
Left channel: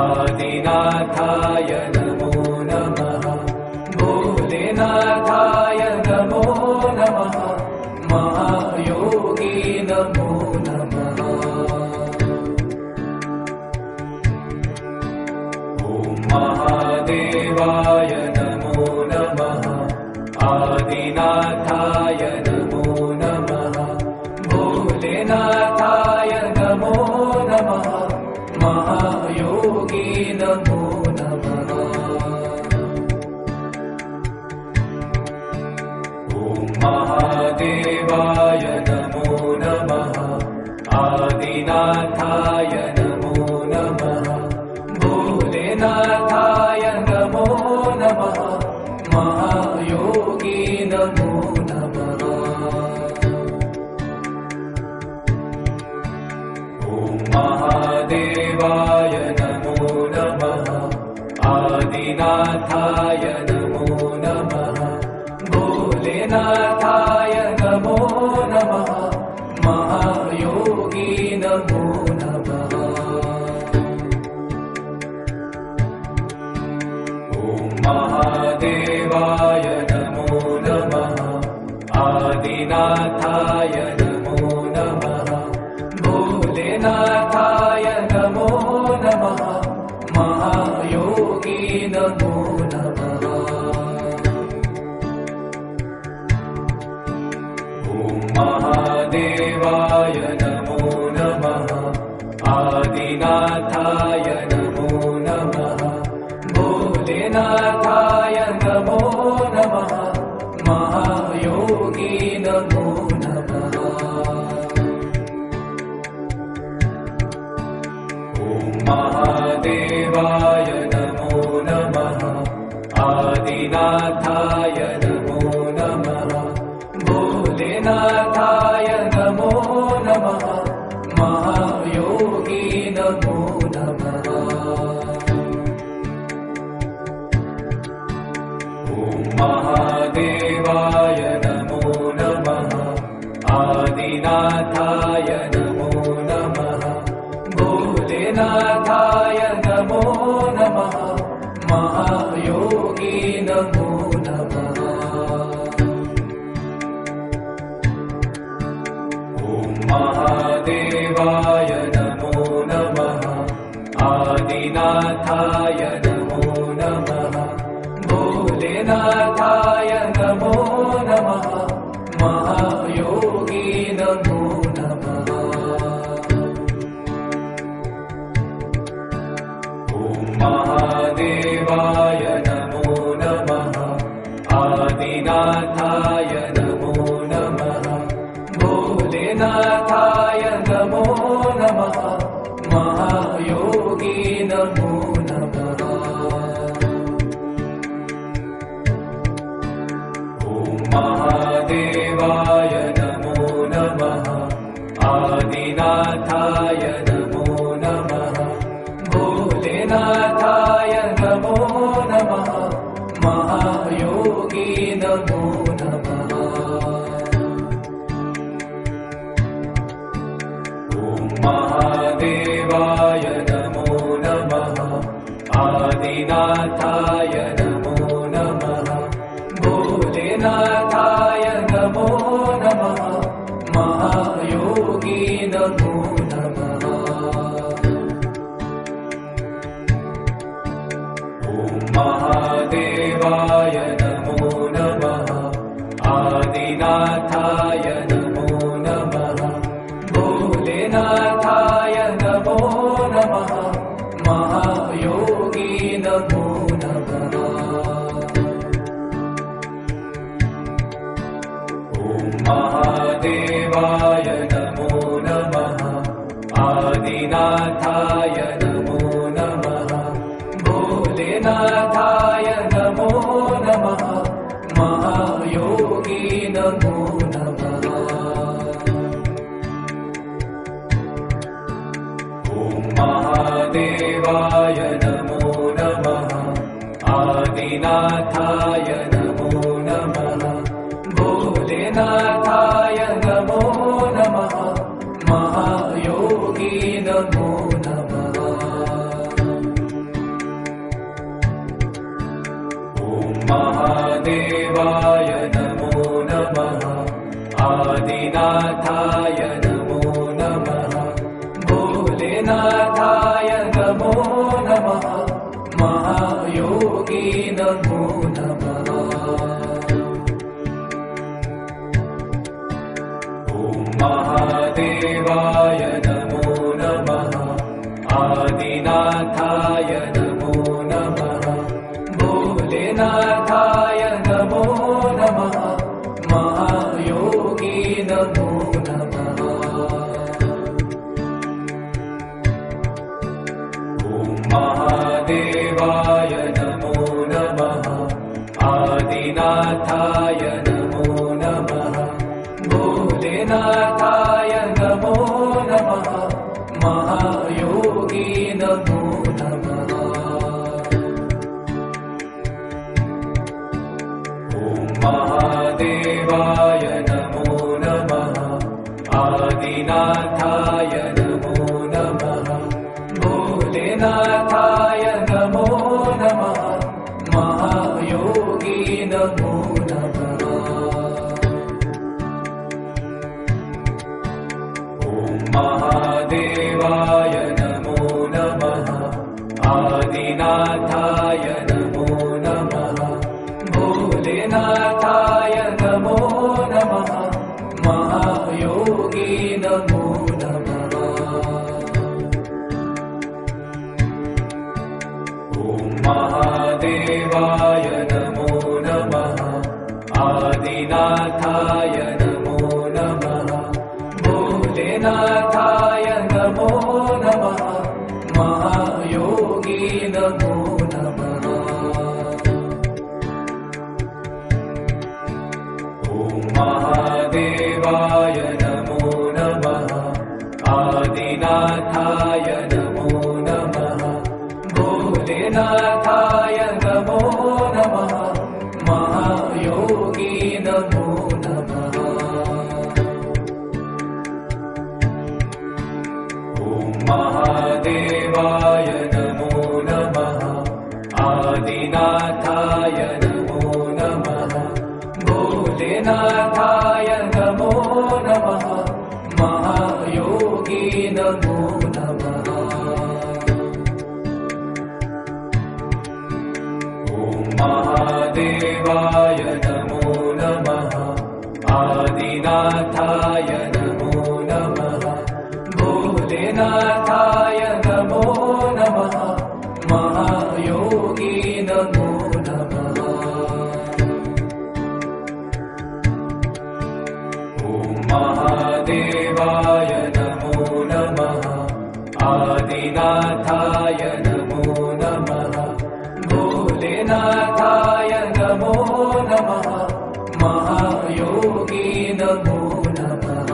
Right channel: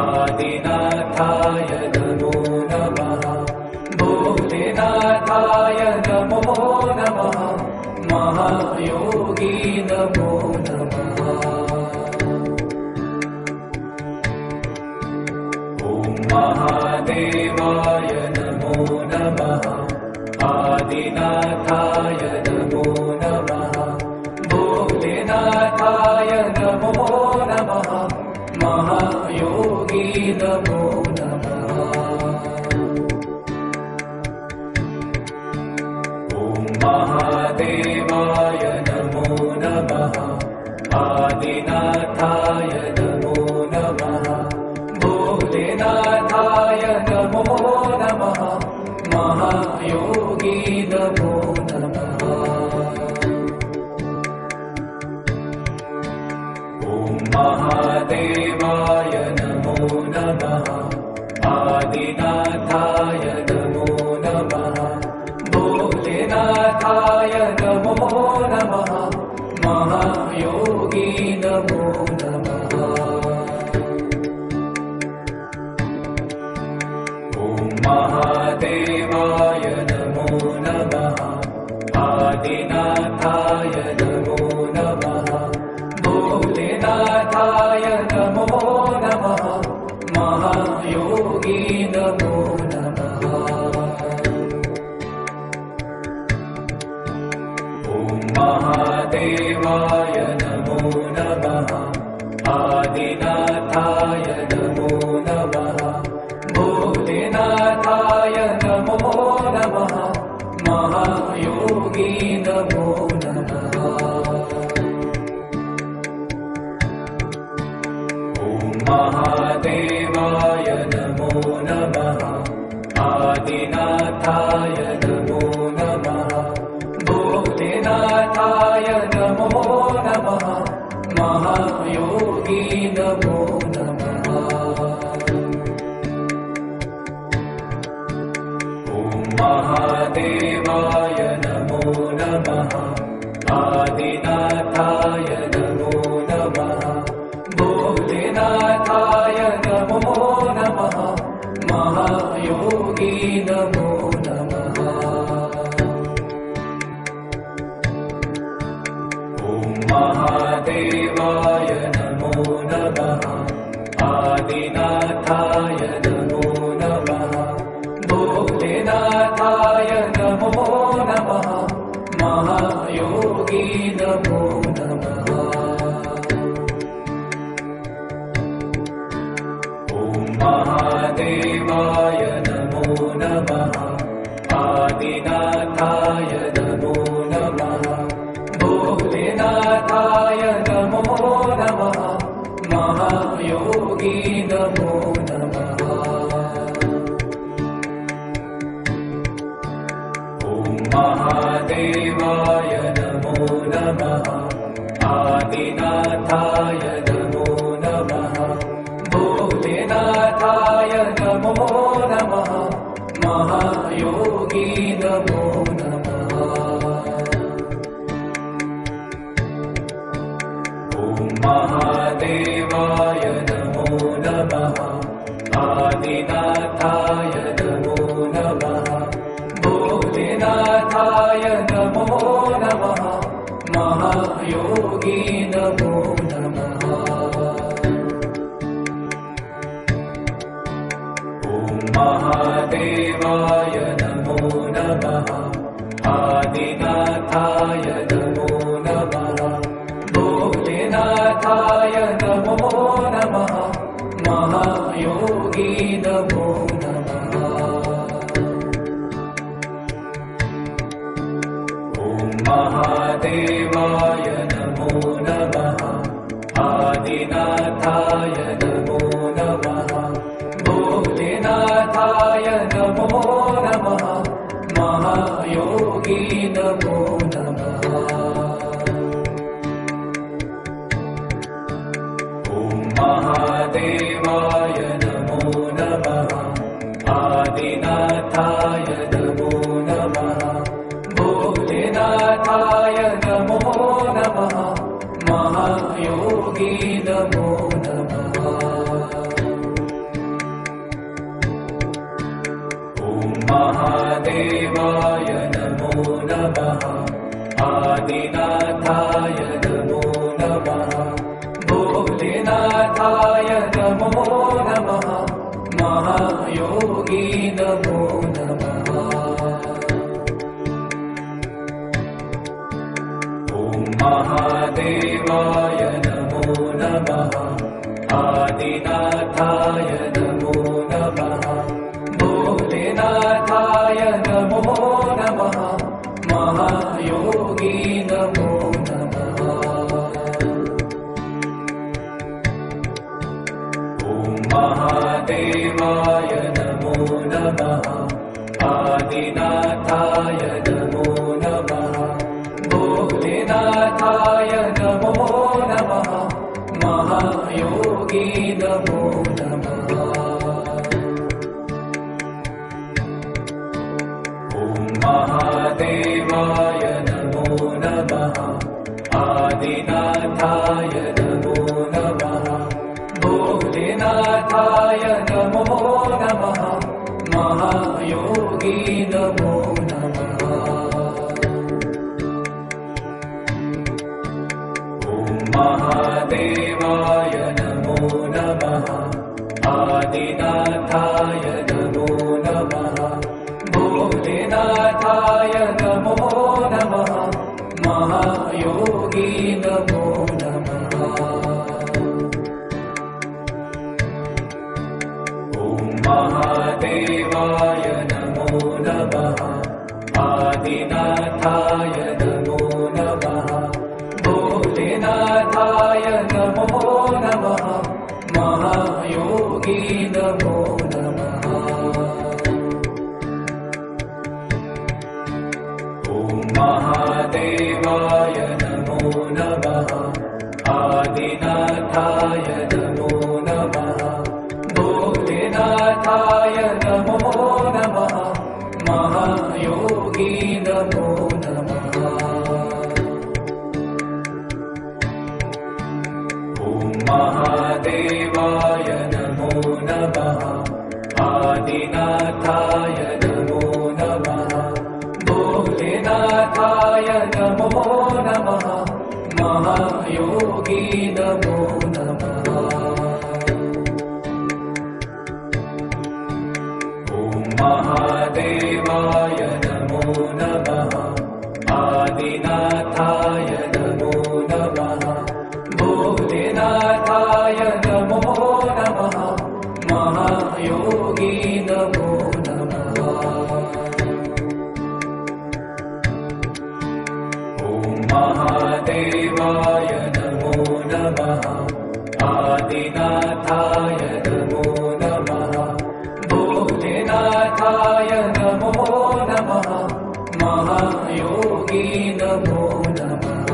आदिनाथाय नमो नमः भोलेनाथाय नमो नमः महायोगी नमो नमः ॐ महादेवाय नमो नमः आदिनाथाय नमो नमः भोलेनाथाय नमो नमः महायोगी नमो नमः ॐ महादेवाय नमो नमः आदिनाथाय नमो नमः भोलेनाथाय नमो नमः आदिनाथाय नमो नमः भोलेनाथाय नमो नमः महायोगी नमो नमः ॐ महादेवाय नमो नमः आदिनाथाय नमो नमः भोलेनाथाय नमो नमः महायोगी नमो नमः ॐ महादेवाय नमो नमः आदिनाथाय नमो नमः भोलेनाथाय नमो नमः महायोगी नमो नमः ॐ महादेवाय नमो नमः आदिनाथाय नमो नमः भोलेनाथाय नमो नमः महायोगी नमो नमः ॐ महादेवाय नमो नमः आदिनाथाय नमो नमः भोलेनाथाय नमो नमः महायोगी नमो नमः ॐ महादेवाय नमो नमः आदिनाथाय नमो नमः भोलेनाथाय नमो नमः महायोगी नमो नमः ॐ महादेवाय नमो नमः आदिनाथाय नमो नमः भोलेनाथाय नमो नमः महायोगी नमो नमः ॐ महादेवाय नमो नमः आदिनाथाय नमो नमः भोलेनाथाय नमो नमः महायोगी नमो नमः ॐ महादेवाय नमो नमः आदिनाथाय नमो नमः भोलेनाथाय नमो नमः महायोगी नमो नमः ॐ महादेवाय नमो नमः आदिनाथाय नमो नमः भोलेनाथाय नमो नमः महायोगी नमो नमः ॐ महादेवाय नमो नमः आदिनाथाय नमो नमः भोलेनाथाय नमो नमः महायोगी नमो नमः ॐ महादेवाय नमो नमः आदिनाथाय नमो नमः भोलेनाथाय नमो नमः महायोगी नमो नमः ॐ महादेवाय नमो नमः आदिनाथाय नमो नमः भोलेनाथाय नमो नमः महायोगी नमो नमः ॐ महादेवाय नमो नमः आदिनाथाय नमो नमः भोलेनाथाय नमो नमः महायोगी नमो नमः ॐ महादेवाय नमो नमः भोलेनाथाय नमो नमः भोलेनाथाय नमो नमः महायोगी नमो नमः ॐ महादेवाय नमो नमः आदिनाथाय नमो नमः भोलेनाथाय नमो नमः महायोगी नमो नमः ॐ महादेवाय नमो नमः आदिनाथाय नमो नमः भोलेनाथाय नमो नमः महायोगी नमो नमः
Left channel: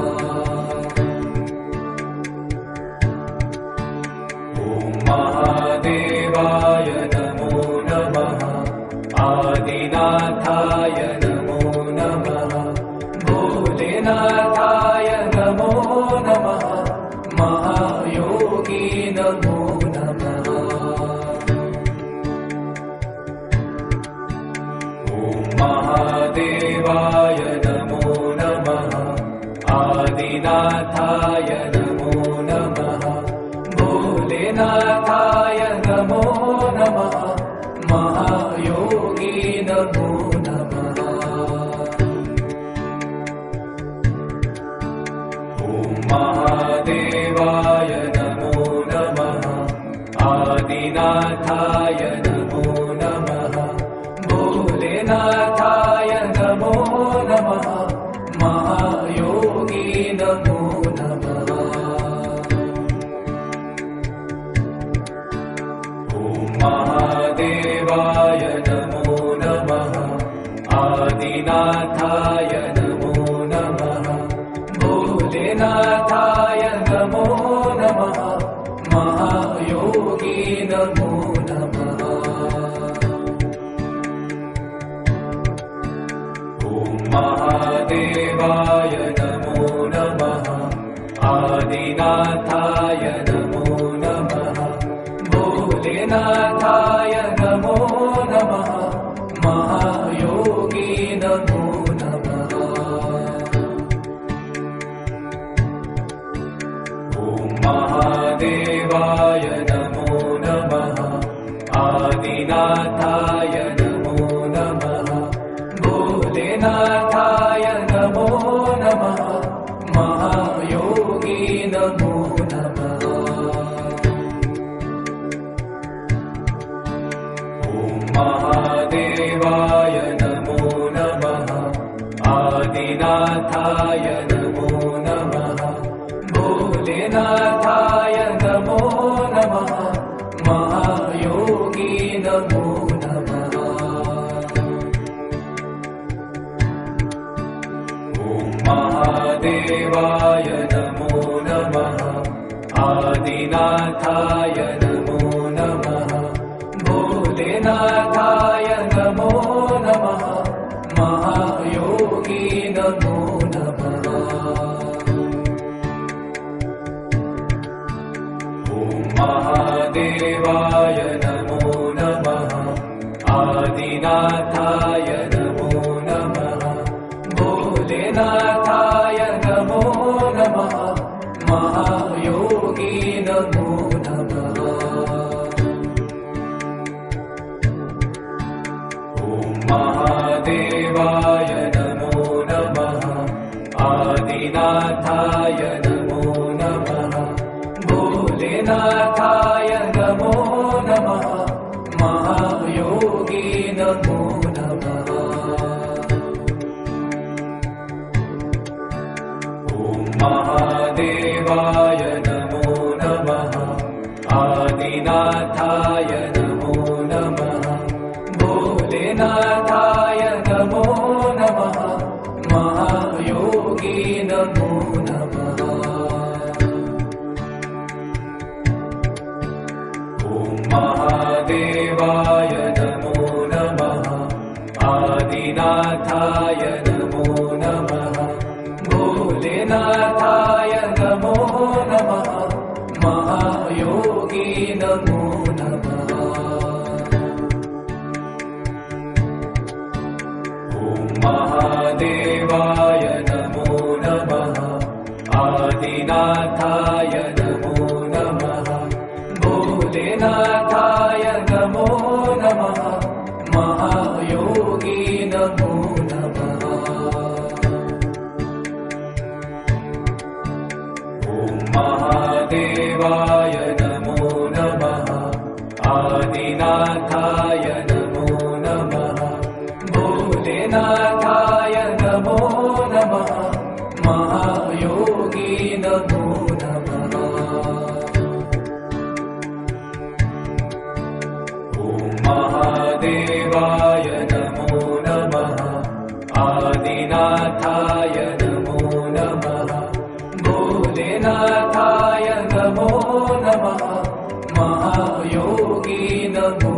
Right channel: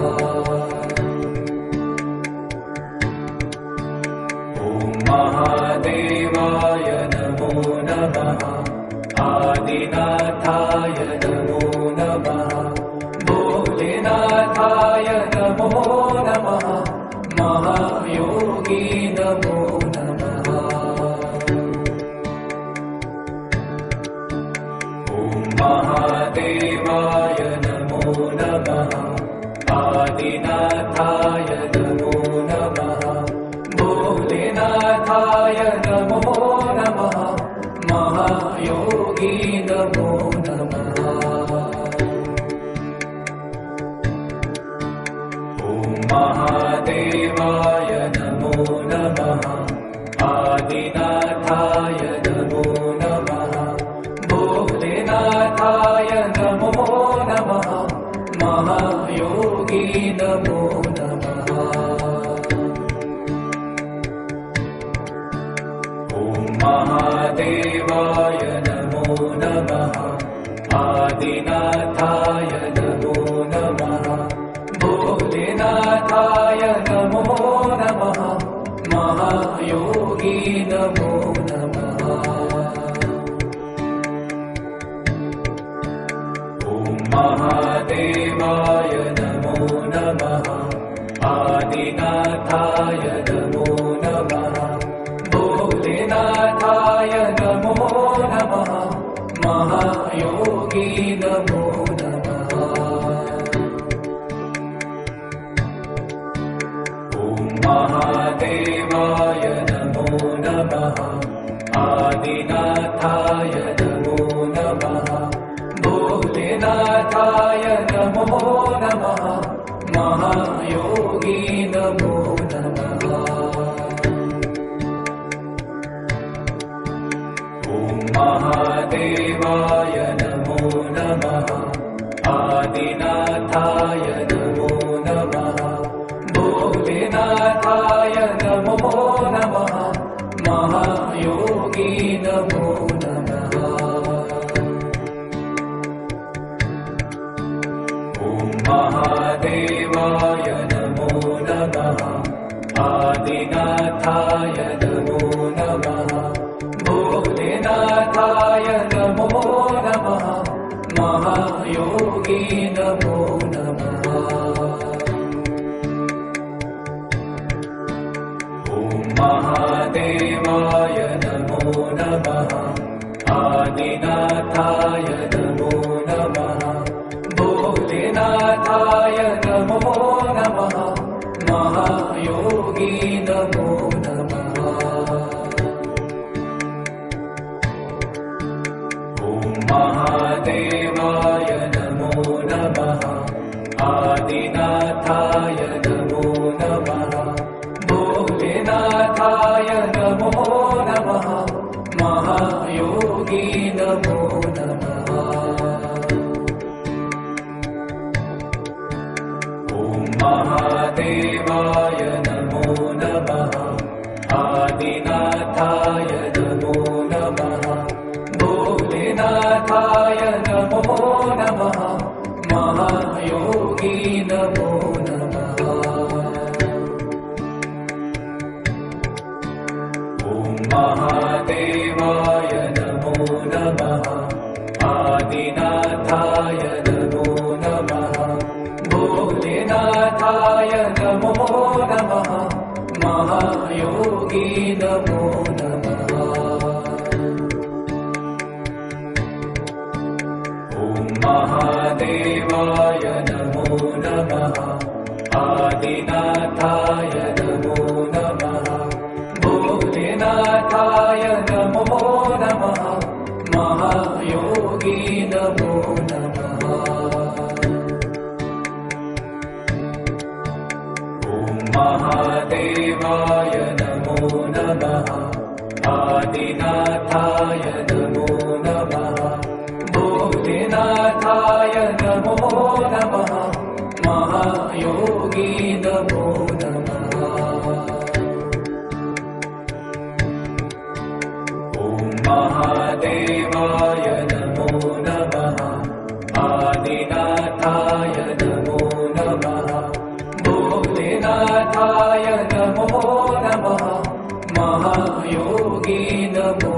ॐ महादेवाय नमो नमः आदिनाथाय नमो नमः भोलेनाथाय नमो नमः महायोगी नमो नमः ॐ महादेवाय नमो नमः आदिनाथाय नमो नमः भोलेनाथाय नमो नमः महायोगी नमो नमः ॐ महादेवाय नमो नमः आदिनाथाय नमो नमः भोलेनाथाय नमो नमः महायोगी नमो नमः ॐ महादेवाय नमो नमः आदिनाथाय नमो नमः भोलेनाथाय नमो नमः महायोगी नमो नमः ॐ महादेवाय नमो नमः आदिनाथाय नमो नमः भोलेनाथाय नमो नमः महायोगी नमो नमः ॐ महादेवाय नमो नमः आदिनाथाय नमो नमः भोलेनाथाय नमो नमः महायोगी नमो नमः ॐ महादेवाय नमो नमः आदिनाथाय नमो नमः भोलेनाथाय नमो नमः महायोगी नमो नमः ॐ महादेवाय नमो नमः आदिनाथाय नमो नमः भोलेनाथाय नमो नमः महायोगी नमो नमः ॐ महादेवाय नमो नमः आदिनाथाय नमो नमः भोलेनाथाय नमो नमः महायोगी नमो नमः ॐ महादेवाय नमो नमः आदिनाथाय नमो नमः भोलेनाथाय नमो नमः महायोगी नमो नमः ॐ महादेवाय नमो नमः आदिनाथाय नमो नमः भोलेनाथाय नमो नमः महायोगी नमो नमः ॐ महादेवाय नमो नमः आदिनाथाय नमो नमः भोलेनाथाय नमो नमः महायोगी नमो नमः महादेवाय नमो नमः आदिनाथाय नमो नमः भोलेनाथाय नमो नमः महायोगी नमो नमः ॐ महादेवाय नमो नमः आदिनाथाय नमो नमः भोलेनाथाय नमो नमः महायोगी नमो नमः ॐ महादेवाय नमो नमः आदिनाथाय नमो नमः भोलेनाथाय नमो नमः महायोगी नमो